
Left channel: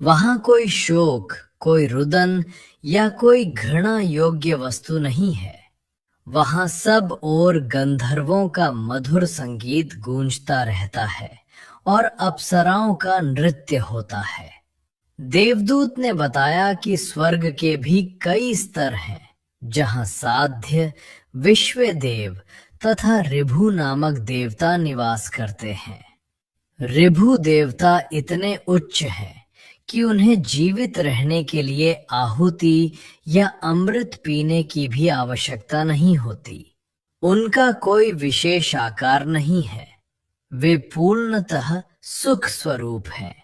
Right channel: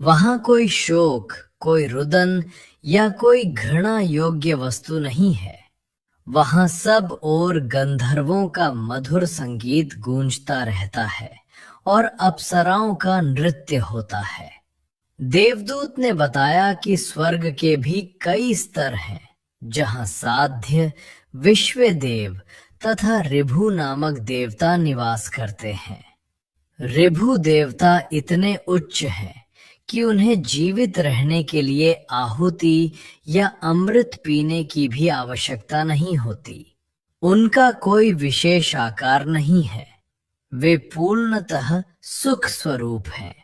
वहां कोई शोक, कोई रुदन या कोई घृणा योग्य वस्तु नहीं है। वहां सब ओर गंधर्वों का मधुर संगीत गूंजता रहता है और अप्सराओं का नृत्य होता है। देवदूत ने बताया कि स्वर्ग के भी कई स्तर हैं, जहां साध्य, विश्वदेव तथा ऋभु नामक देवता निवास करते हैं। ऋभु देवता इतने उच्च हैं कि उन्हें जीवित रहने के लिए आहुति या अमृत पीने की भी आवश्यकता नहीं होती। उनका कोई विशेष आकार नहीं है, वे पूर्णतः सुख स्वरूप हैं।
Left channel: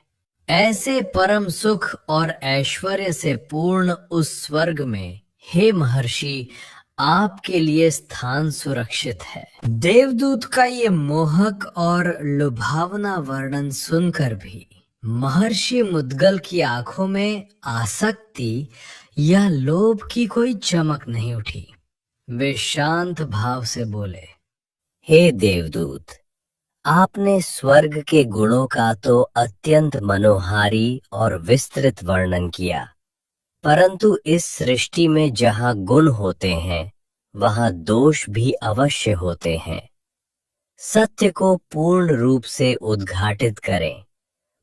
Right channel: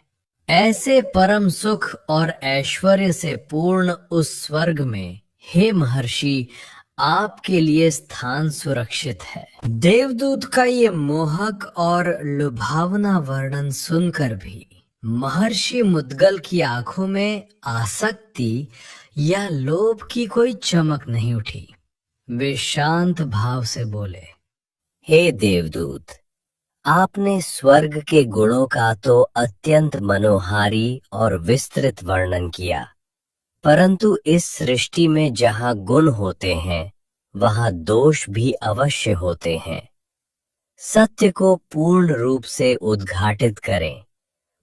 ऐसे परम सुख और ऐश्वर्य से पूर्ण उस स्वर्ग में, हे महर्षि, आपके लिए स्थान सुरक्षित है। देवदूत का ये मोहक और लुभावना वर्णन सुनकर भी महर्षि मुद्गल की आंखों में आसक्ति या लोभ की कोई चमक नहीं उठी। वे शांत भाव से बोले, हे देवदूत, आपने स्वर्ग के गुणों का तो अत्यंत मनोहारी और विस्तृत वर्णन किया, परंतु इस सृष्टि में जहां गुण होते हैं, वहां दोष भी अवश्य होते हैं। सत्य को पूर्ण रूप से उद्घाटित करें।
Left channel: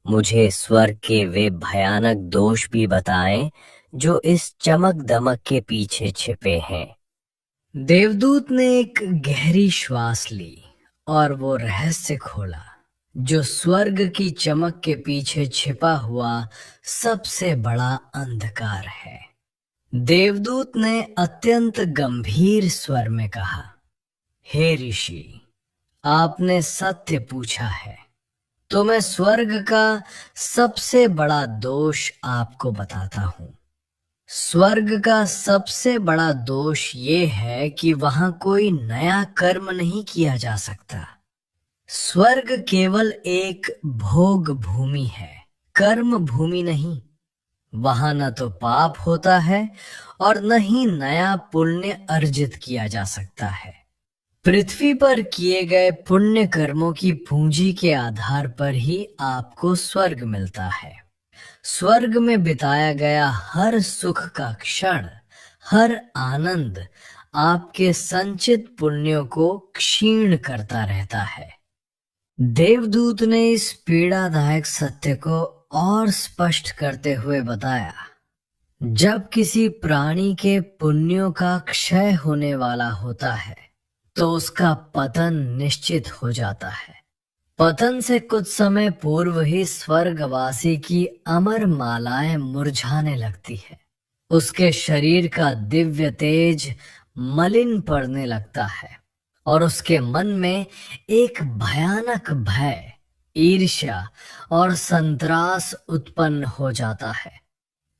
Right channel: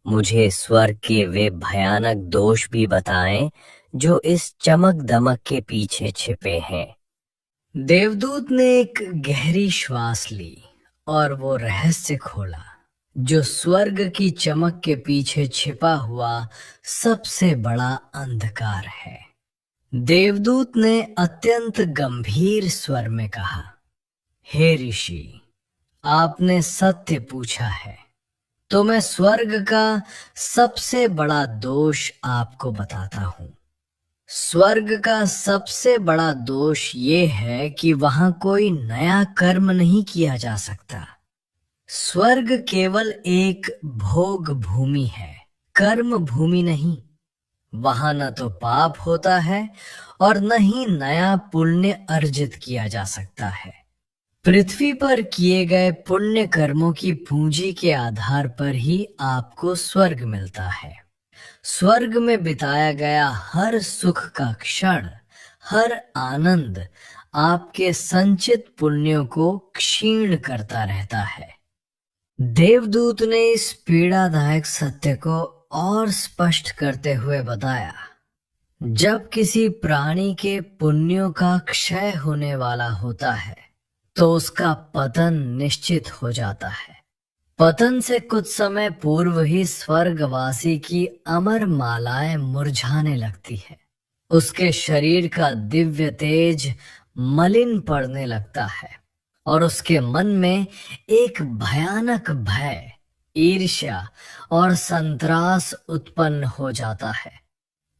मुझे स्वर्ग के वे भयानक दोष भी बताएं जो इस चमक दमक के पीछे छिपे हैं। देवदूत ने एक गहरी श्वास ली और वो रहस्य खोला जो स्वर्ग की चमक के पीछे छिपा हुआ सबसे बड़ा अंधकार है। देवदूत ने अत्यंत गंभीर स्वर में कहा, हे ऋषि, आपने सत्य पूछा है, तो मैं स्वर्ग का सबसे बड़ा दोष आपको बताता हूं। स्वर्ग का सबसे बड़ा दोष ये है कि वहां कोई नया कर्म नहीं किया जा सकता। स्वर्ग केवल एक भोग भूमि है, कर्म भूमि नहीं। वहां न तो पाप होता है और न ही नया पुण्य अर्जित किया जा सकता है। पृथ्वी पर किए गए पुण्य कर्मों की पूंजी के आधार पर ही आपको स्वर्ग मिलता है। स्वर्ग में बिताया गया हर सुख का क्षण, हर आनंद आपके संचित पुण्यों को क्षीण करता रहता है। देवदूत ने इस पीड़ादायक सत्य को और स्पष्ट करते हुए बताया, जब किसी प्राणी के पुण्यों का क्षय होने वाला होता है तो उसका पतन निश्चित हो जाता है। पतन से कुछ समय पूर्व ही स्वर्गवासी की अमर मालाएं मुरझाने लगती है। उसके शरीर का दिव्य तेज मलिन पड़ने लगता है और उसके मन में एक भयानक भय, ईर्ष्या और संतरास उत्पन्न हो जाता है।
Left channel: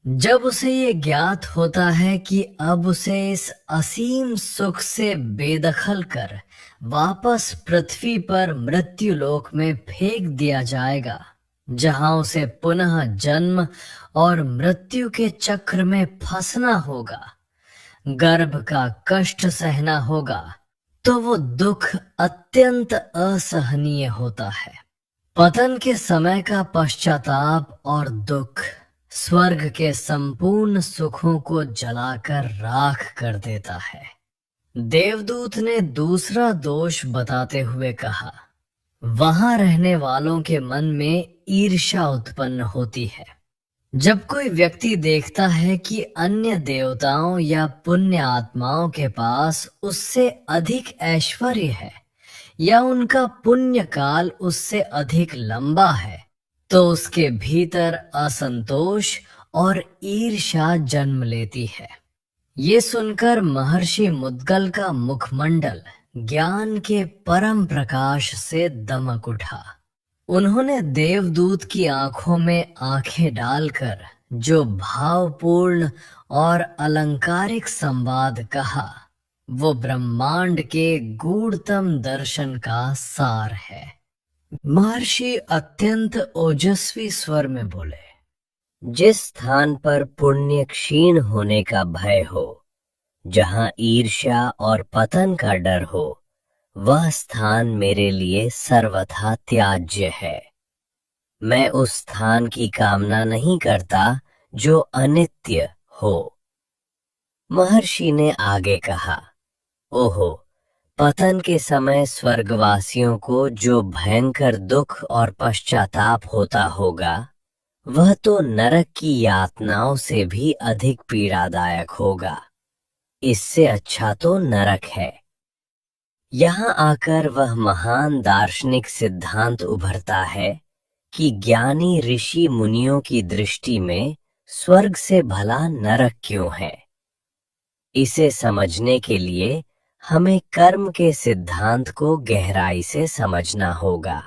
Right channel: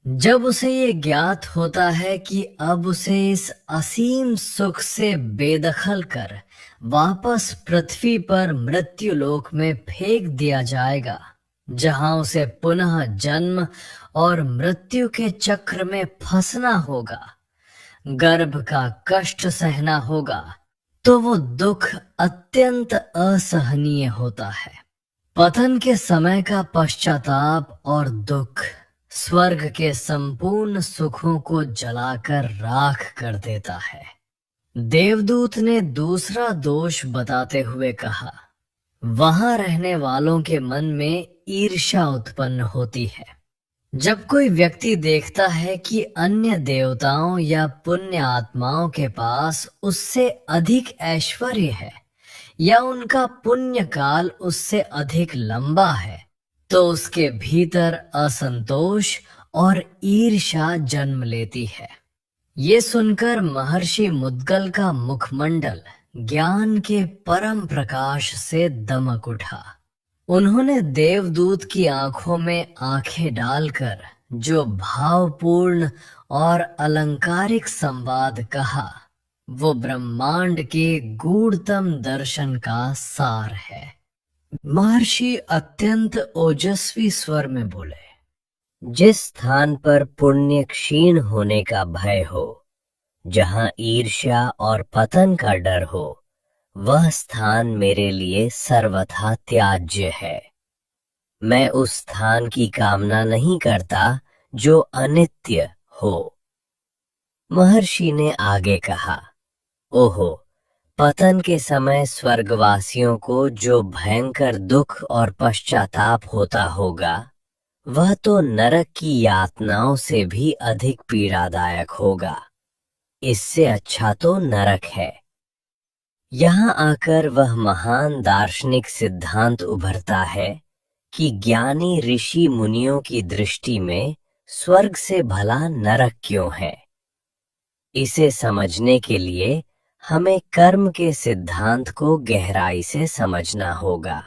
जब उसे ये ज्ञात होता है कि अब उसे इस असीम सुख से बेदखल कर वापस पृथ्वी पर मृत्युलोक में फेंक दिया जाएगा, जहां उसे पुनः जन्म और मृत्यु के चक्र में फंसना होगा, गर्भ का कष्ट सहना होगा, तो वो दुख अत्यंत असहनीय होता है। पतन के समय का पश्चाताप और दुख स्वर्ग के संपूर्ण सुखों को जलाकर राख कर देता है। देवदूत ने दूसरा दोष बताते हुए कहा, वहां रहने वालों के मन में ईर्ष्या उत्पन्न होती है। जब कोई व्यक्ति देखता है कि अन्य देवताओं या पुण्य आत्माओं के पास उससे अधिक ऐश्वर्य है या उनका पुण्य काल उससे अधिक लंबा है, तो उसके भीतर असंतोष और ईर्ष्या जन्म लेती है। ये सुनकर महर्षि मुद्गल का मुखमंडल ज्ञान के परम प्रकाश से दमक उठा। उन्होंने देवदूत की आंखों में आंखें डालकर जो भावपूर्ण और अलंकारिक संवाद कहा, वो ब्रह्मांड के गूढ़तम दर्शन का सार है। महर्षि अत्यंत ओजस्वी स्वर में बोले, जिस स्थान पर पुण्य क्षीण होने का भय हो, जहां ईर्ष्या और पतन का डर हो, वह स्थान मेरे लिए सर्वथा त्याज्य है। मैं उस स्थान की कामना नहीं करता जो अनित्य हो। महर्षि ने आगे कहा, ओहो, पतन के समय स्वर्गवासियों को जो भयंकर दुख और पश्चाताप होता होगा, वह तो नरक की यातनाओं से भी अधिक पीड़ादायक होगा। इससे अच्छा तो नरक है। यहाँ आकर वह महान दार्शनिक सिद्धांत उभरता है कि ज्ञानी ऋषि मुनियों की दृष्टि में स्वर्ग से भला नरक क्यों है। इसे समझने के लिए हमें कर्म के सिद्धांत को गहराई से समझना होगा।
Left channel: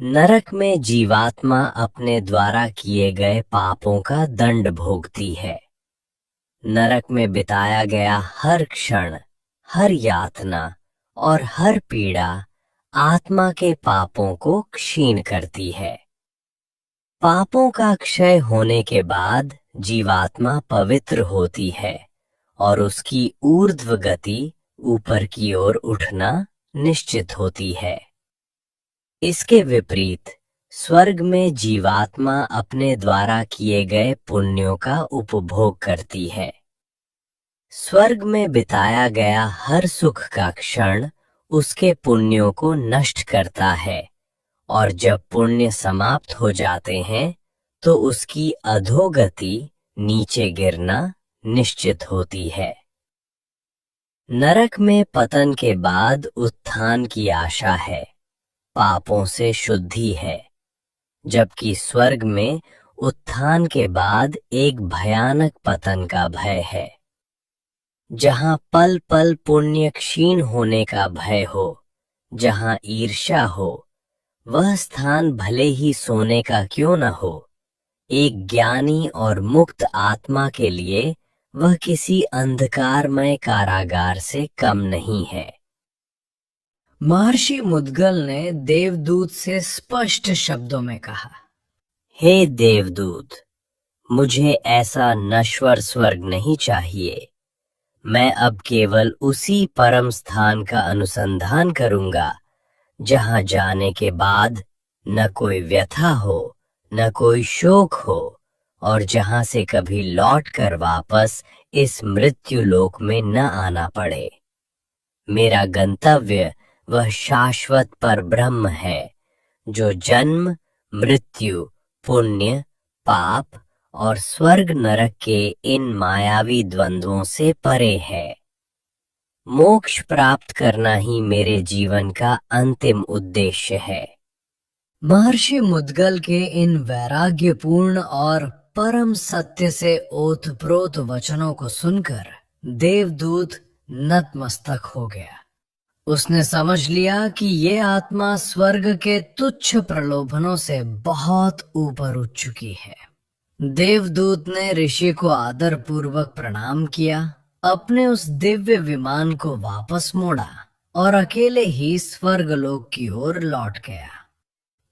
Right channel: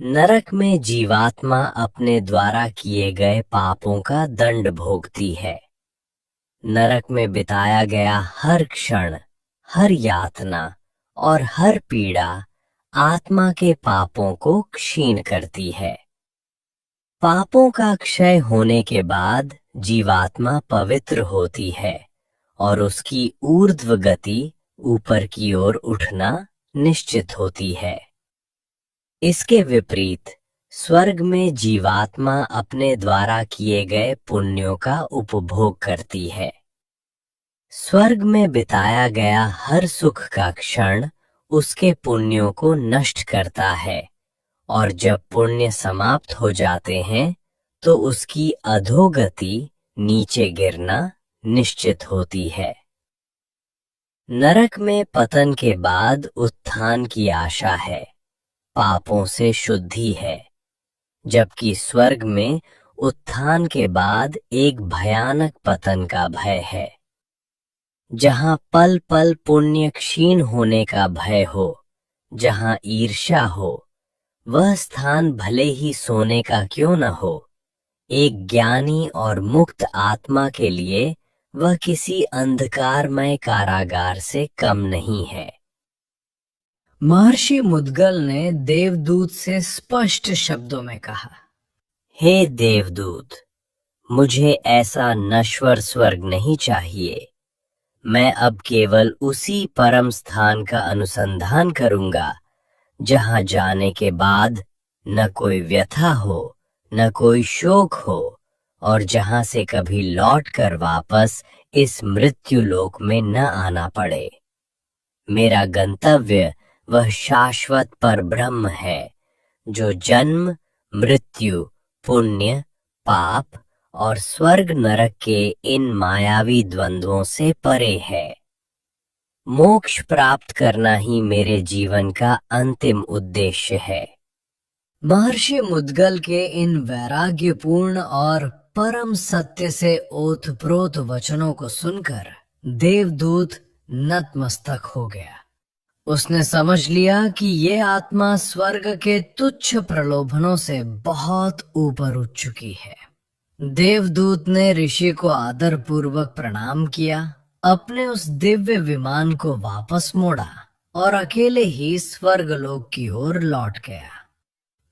नरक में जीवात्मा अपने द्वारा किए गए पापों का दंड भोगती है। नरक में बिताया गया हर क्षण, हर यातना और हर पीड़ा आत्मा के पापों को क्षीण करती है। पापों का क्षय होने के बाद जीवात्मा पवित्र होती है और उसकी ऊर्ध्व गति, ऊपर की ओर उठना निश्चित होती है। इसके विपरीत स्वर्ग में जीवात्मा अपने द्वारा किए गए पुण्यों का उपभोग करती है। स्वर्ग में बिताया गया हर सुख का क्षण उसके पुण्यों को नष्ट करता है और जब पुण्य समाप्त हो जाते हैं तो उसकी अधोगति, नीचे गिरना निश्चित होती है। नरक में पतन के बाद उत्थान की आशा है, पापों से शुद्धि है, जबकि स्वर्ग में उत्थान के बाद एक भयानक पतन का भय है। जहां पल पल पुण्य क्षीण होने का भय हो, जहां ईर्ष्या हो, वह स्थान भले ही सोने का क्यों न हो, एक ज्ञानी और मुक्त आत्मा के लिए वह किसी अंधकारमय कारागार से कम नहीं है। महर्षि मुद्गल ने देवदूत से स्पष्ट शब्दों में कहा, हे देवदूत, मुझे ऐसा नश्वर स्वर्ग नहीं चाहिए। मैं अब केवल उसी परम स्थान का अनुसंधान करूंगा जहां जाने के बाद न कोई व्यथा हो, न कोई शोक हो और जहां से कभी लौट कर वापस इस मृत्यु लोक में न आना पड़े। मेरा गंतव्य वह शाश्वत परब्रह्म है जो जन्म, मृत्यु, पुण्य, पाप और स्वर्ग नरक के इन मायावी द्वंद्वों से परे है। मोक्ष प्राप्त करना ही मेरे जीवन का अंतिम उद्देश्य है। महर्षि मुद्गल के इन वैराग्यपूर्ण और परम सत्य से ओतप्रोत वचनों को सुनकर देवदूत नतमस्तक हो गया। उसने समझ लिया कि ये आत्मा स्वर्ग के तुच्छ प्रलोभनों से बहुत ऊपर उठ चुकी है। देवदूत ने ऋषि को आदर पूर्वक प्रणाम किया, अपने उस दिव्य विमान को वापस मोड़ा और अकेले ही स्वर्गलोक की ओर लौट गया।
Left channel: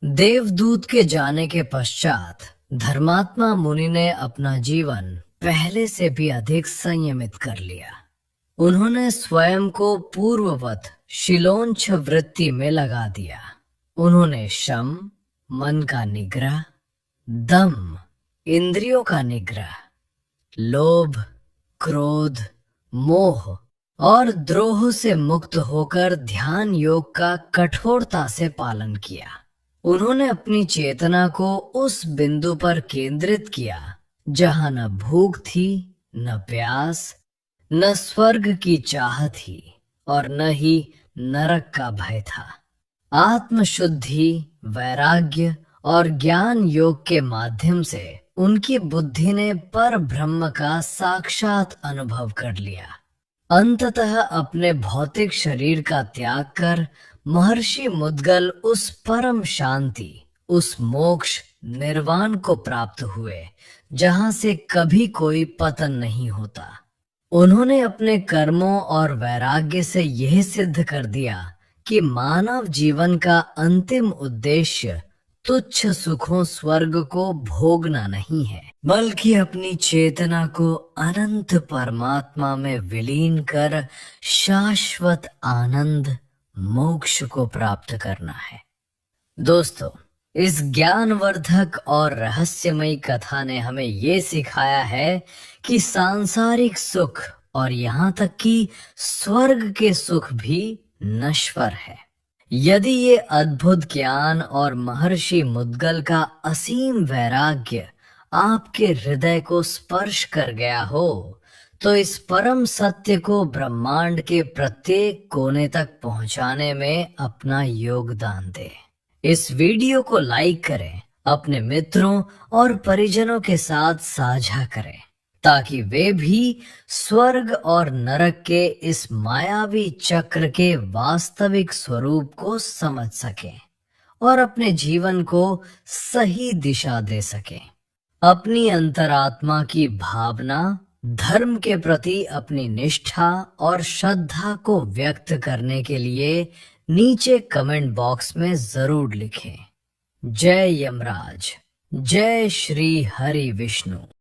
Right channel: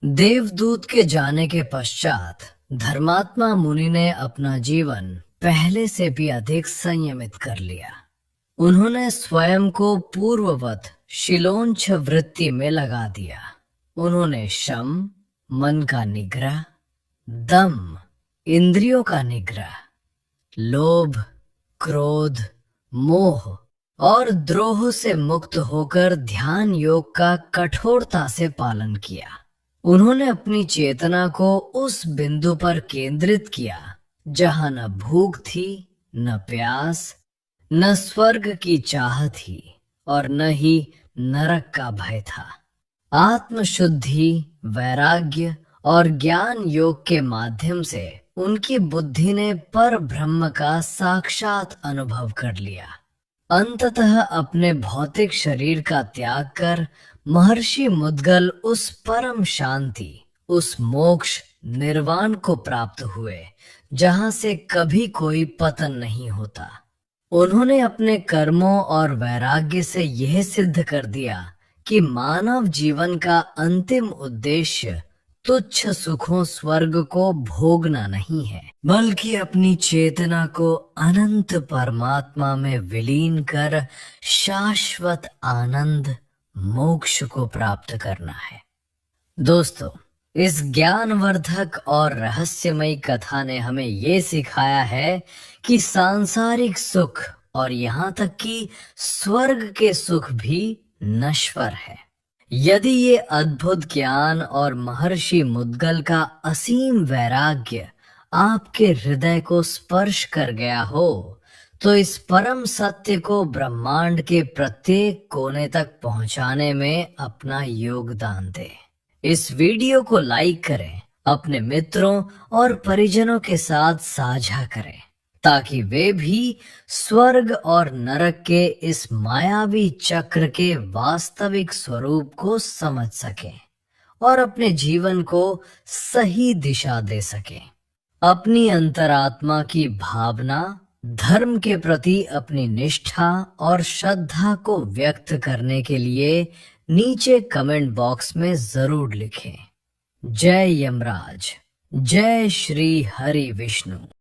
देवदूत के जाने के पश्चात धर्मात्मा मुनि ने अपना जीवन पहले से भी अधिक संयमित कर लिया। उन्होंने स्वयं को पूर्ववत शिलोंछ वृत्ति में लगा दिया। उन्होंने शम, मन का निग्रह, दम, इंद्रियों का निग्रह, लोभ, क्रोध, मोह और द्रोह से मुक्त होकर ध्यान योग का कठोरता से पालन किया। उन्होंने अपनी चेतना को उस बिंदु पर केंद्रित किया जहां न भूख थी, न प्यास, न स्वर्ग की चाह थी और न ही नरक का भय था। आत्मशुद्धि, वैराग्य और ज्ञान योग के माध्यम से उनकी बुद्धि ने पर ब्रह्म का साक्षात अनुभव कर लिया। अंततः अपने भौतिक शरीर का त्याग कर महर्षि मुद्गल उस परम शांति, उस मोक्ष निर्वाण को प्राप्त हुए जहां से कभी कोई पतन नहीं होता। उन्होंने अपने कर्मों और वैराग्य से यह सिद्ध कर दिया कि मानव जीवन का अंतिम उद्देश्य तुच्छ सुखों स्वर्ग को भोगना नहीं है, बल्कि अपनी चेतना को अनंत परमात्मा में विलीन कर शाश्वत आनंद, मोक्ष को प्राप्त करना है। दोस्तों, इस ज्ञानवर्धक और रहस्यमयी कथा ने हमें ये सिखाया है कि सांसारिक सुख और यहाँ तक कि स्वर्ग के सुख भी नश्वर है। यदि ये अद्भुत ज्ञान और महर्षि मुद्गल का असीम वैराग्य आपके हृदय को स्पर्श कर गया हो, तो इस परम सत्य को ब्रह्मांड के प्रत्येक कोने तक पहुंचाने में अपना योगदान दें। इस वीडियो को लाइक करें, अपने मित्रों और परिजनों के साथ साझा करें, ताकि वे भी स्वर्ग और नरक के इस मायावी चक्र के वास्तविक स्वरूप को समझ सकें और अपने जीवन को सही दिशा दे सकें। अपनी अंतरात्मा की भावना, धर्म के प्रति अपनी निष्ठा और श्रद्धा को व्यक्त करने के लिए नीचे कमेंट बॉक्स में जरूर लिखें। जय यमराज, जय श्री हरि विष्णु।